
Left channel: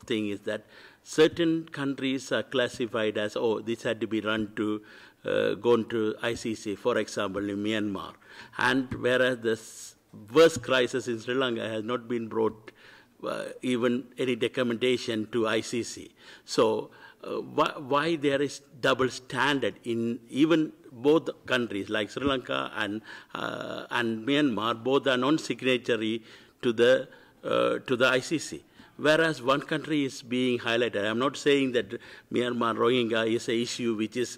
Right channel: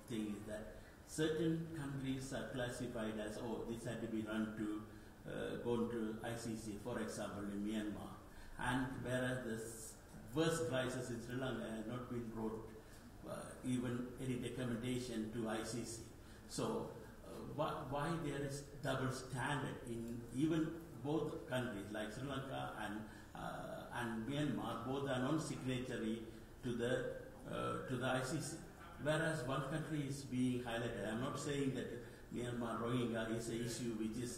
thing is that certain countries are classified as, oh, this had to be gone to ICC, for example, in Myanmar. And whereas the worst crisis in Sri Lanka has not been brought even any documentation to ICC. So why there is double standard in even both countries, like Sri Lanka and Myanmar, both are non-signatory to the ICC. whereas one country is being highlighted. I'm not saying that Myanmar Rohingya is an issue which is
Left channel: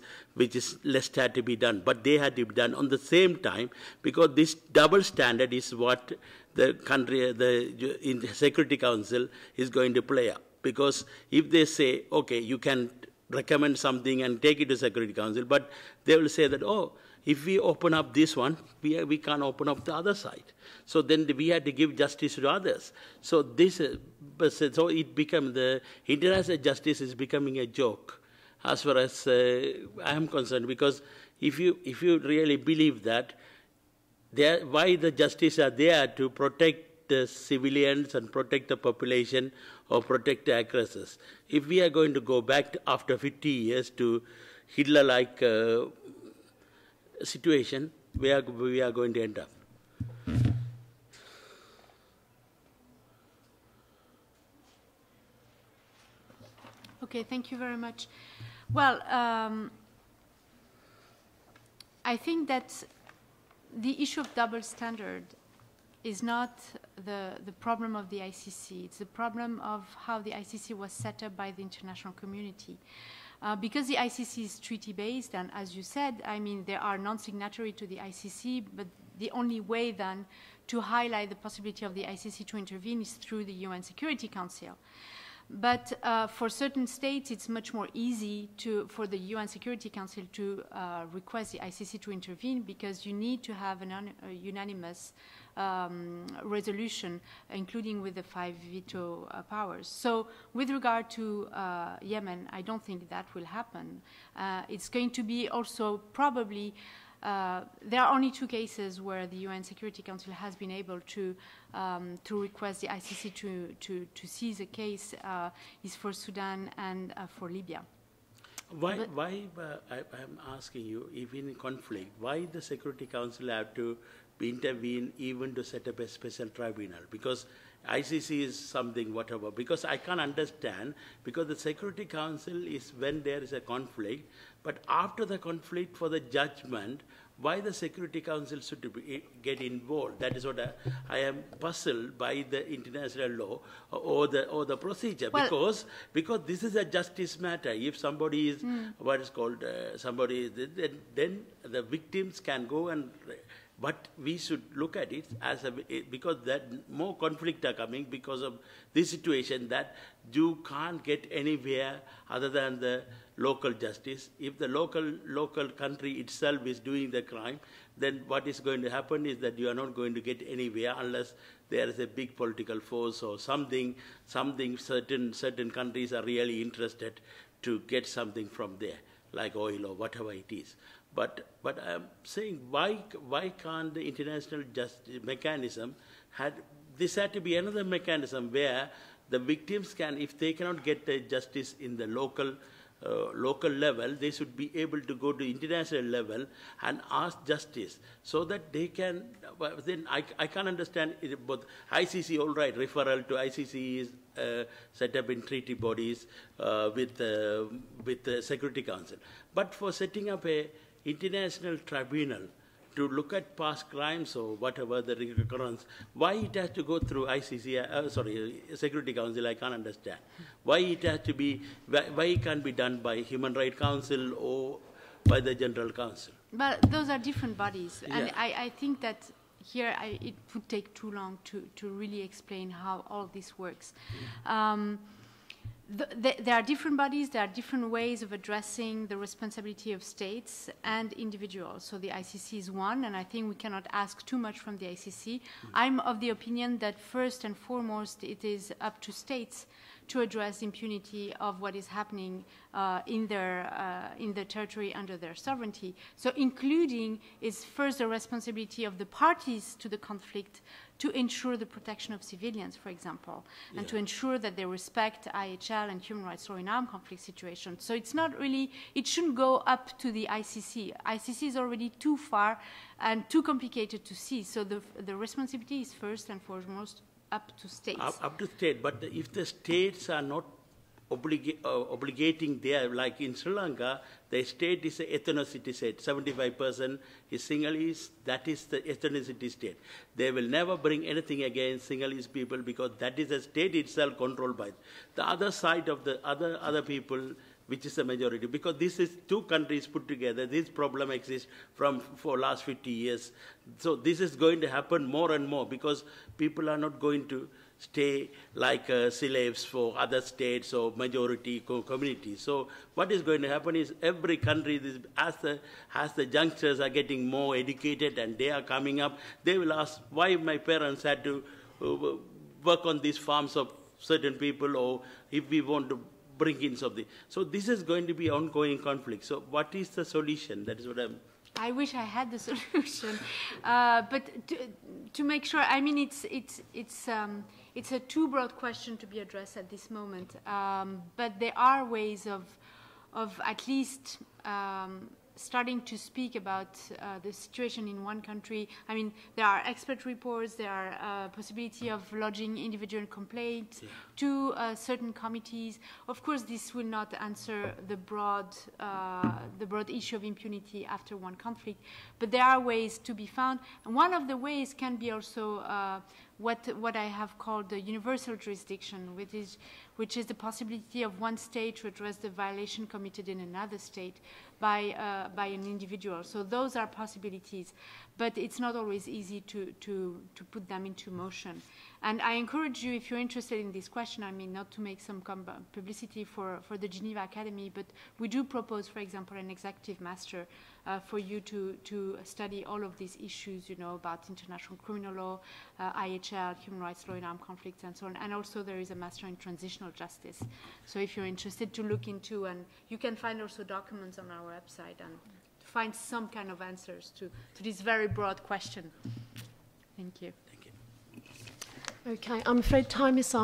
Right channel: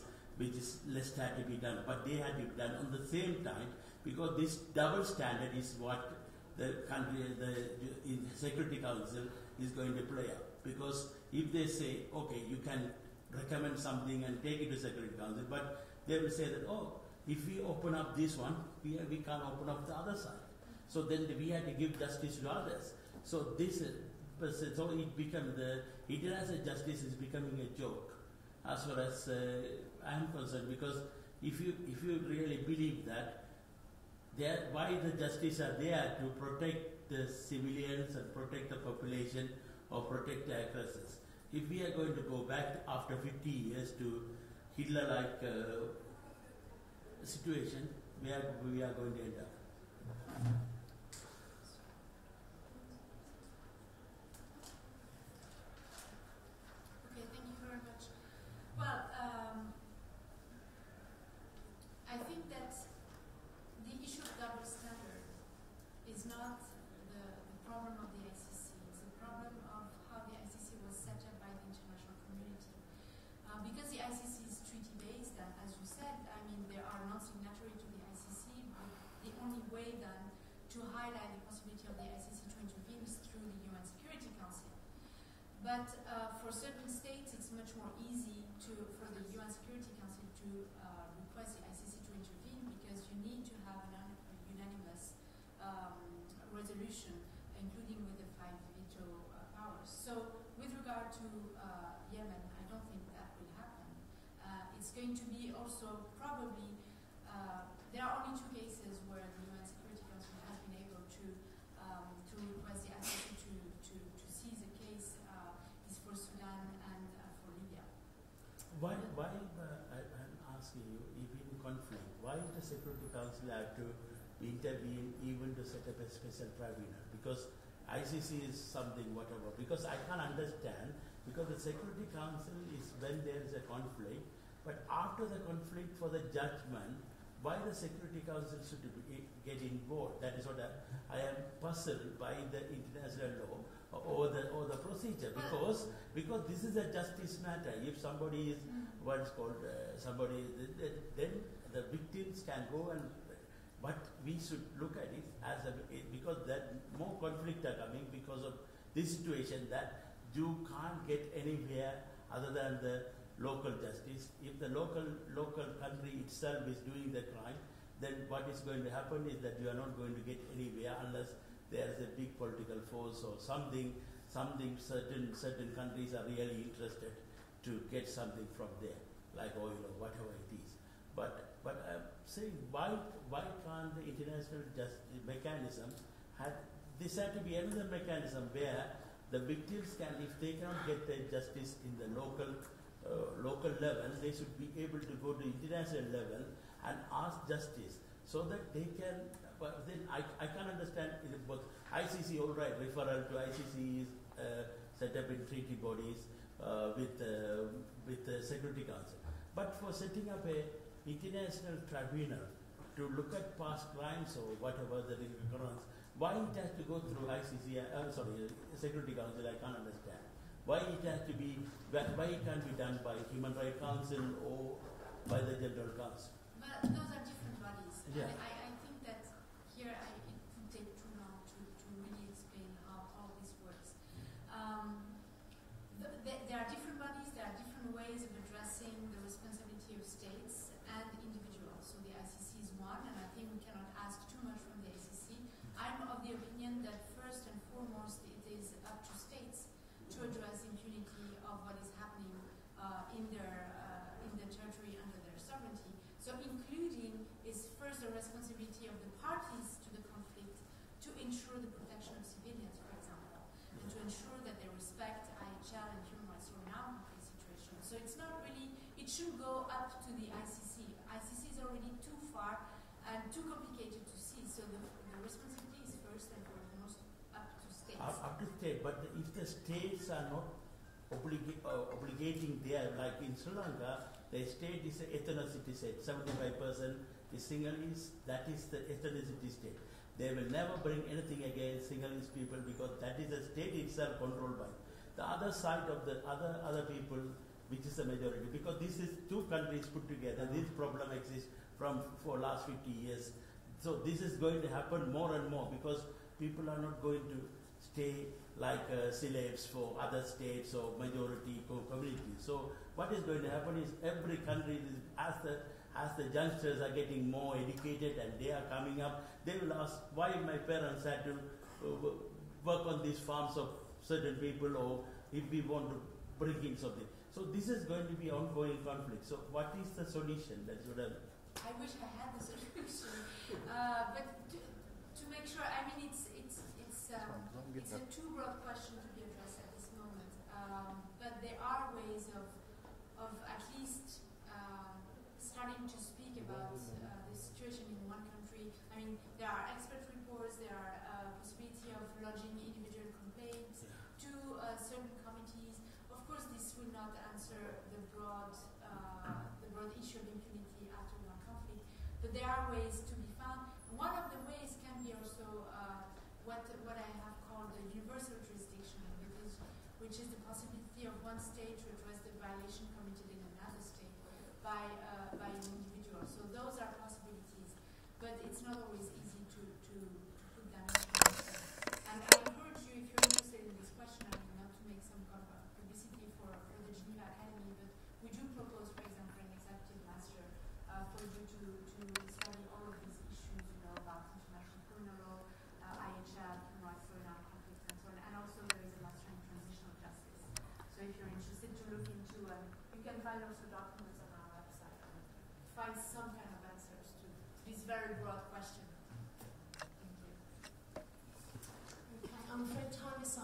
less had to be done, but they had to be done on the same time, because this double standard is what the country, in the Security Council is going to play up. Because if they say, okay, you can recommend something and take it to Security Council, but they will say that, oh, if we open up this one, we can't open up the other side. So then we had to give justice to others. So this, so it became, the international justice is becoming a joke, as far as I am concerned. Because if you really believe that, why the justice are there to protect the civilians and protect the population or protect the aggressors? If we are going to go back after 50 years to Hitler-like situation, we are going to end up. Okay, thank you very much. Well, I think that the issue of double standard is not the problem of the ICC. It's the problem of how the ICC was set up by the international community. Because the ICC is treaty-based, and as you said, I mean, there are non-signatory to the ICC, but the only way then to highlight the possibility of the ICC to intervene is through the UN Security Council. But for certain states, it's much more easy for the UN Security Council to request the ICC to intervene, because you need to have a unanimous resolution, including with the 5 veto powers. So with regard to Yemen, I don't think that will happen. It's going to be also probably, there are only 2 cases where the UN Security Council has been able to request the ICC to seize a case, is for Sudan and for Libya. Why I'm asking you, even in conflict, why the Security Council have to intervene even to set up a special tribunal? Because ICC is something, whatever, because I can't understand, because the Security Council is when there is a conflict, but after the conflict for the judgment, why the Security Council should get involved? That is what I am puzzled by the international law or the procedure. Well, because this is a justice matter. If somebody is what is called somebody, then the victims can go and. But we should look at it as because that more conflict are coming because of this situation, that you can't get anywhere other than the local justice. If the local country itself is doing the crime, then what is going to happen is that you are not going to get anywhere unless there is a big political force or something certain countries are really interested to get something from there, like oil or whatever it is. But I'm saying, why can't the international justice mechanism had to be another mechanism where the victims can, if they cannot get the justice in the local level, they should be able to go to international level and ask justice, so that they can. Then I can't understand it, both ICC, all right, referral to ICC is set up in treaty bodies with the Security Council, but for setting up a international tribunal to look at past crimes or whatever the recurrence, why it has to go through ICC, Security Council, I can't understand. Why it has to be, why it can't be done by Human Rights Council or by the General Council? But those are different bodies, and I think that here it would take too long to really explain how all this works. There are different bodies, there are different ways of addressing the responsibility of states and individuals. So the ICC is one, and I think we cannot ask too much from the ICC. I'm of the opinion that first and foremost it is up to states to address impunity of what is happening in their territory under their sovereignty. So including is first the responsibility of the parties to the conflict to ensure the protection of civilians, for example, and to ensure that they respect IHL and human rights law in armed conflict situations. So it's not really, it shouldn't go up to the ICC. ICC is already too far and too complicated to see. So the responsibility is first and foremost up to states. Up to state, but if the states are not obligating there, like in Sri Lanka, The state is an ethnicity state. 75% is Sinhalese. That is the ethnicity state. They will never bring anything against Sinhalese people because that is a state itself controlled by the other side of the other people, which is the majority. Because this is two countries put together. This problem exists for last 50 years. So this is going to happen more and more because people are not going to stay like slaves for other states or majority communities. So what is going to happen is every country, as the youngsters are getting more educated and they are coming up, they will ask why my parents had to work on these farms of certain people, or if we want to bring in something. So this is going to be ongoing conflict. So what is the solution? That is what I wish I had the solution, but to make sure, I mean, it's a too broad question to be addressed at this moment. But there are ways of at least starting to speak about the situation in one country. I mean, there are expert reports, there are possibility of lodging individual complaints to certain committees. Of course, this will not answer the broad issue of impunity after one conflict, but there are ways to be found. And one of the ways can be also what I have called the universal jurisdiction, which is the possibility of one state to address the violation committed in another state by an individual. So those are possibilities, but it's not always easy to put them into motion. And I encourage you, if you're interested in this question, I mean, not to make some publicity for the Geneva Academy, but we do propose, for example, an executive master for you to study all of these issues, you know, about international criminal law, IHL, human rights law in armed conflicts, and so on. And also there is a master in transitional justice. So if you're interested to look into, and you can find also documents on our website and find some kind of answers to this very broad question. Thank you. Okay, I'm afraid time is up.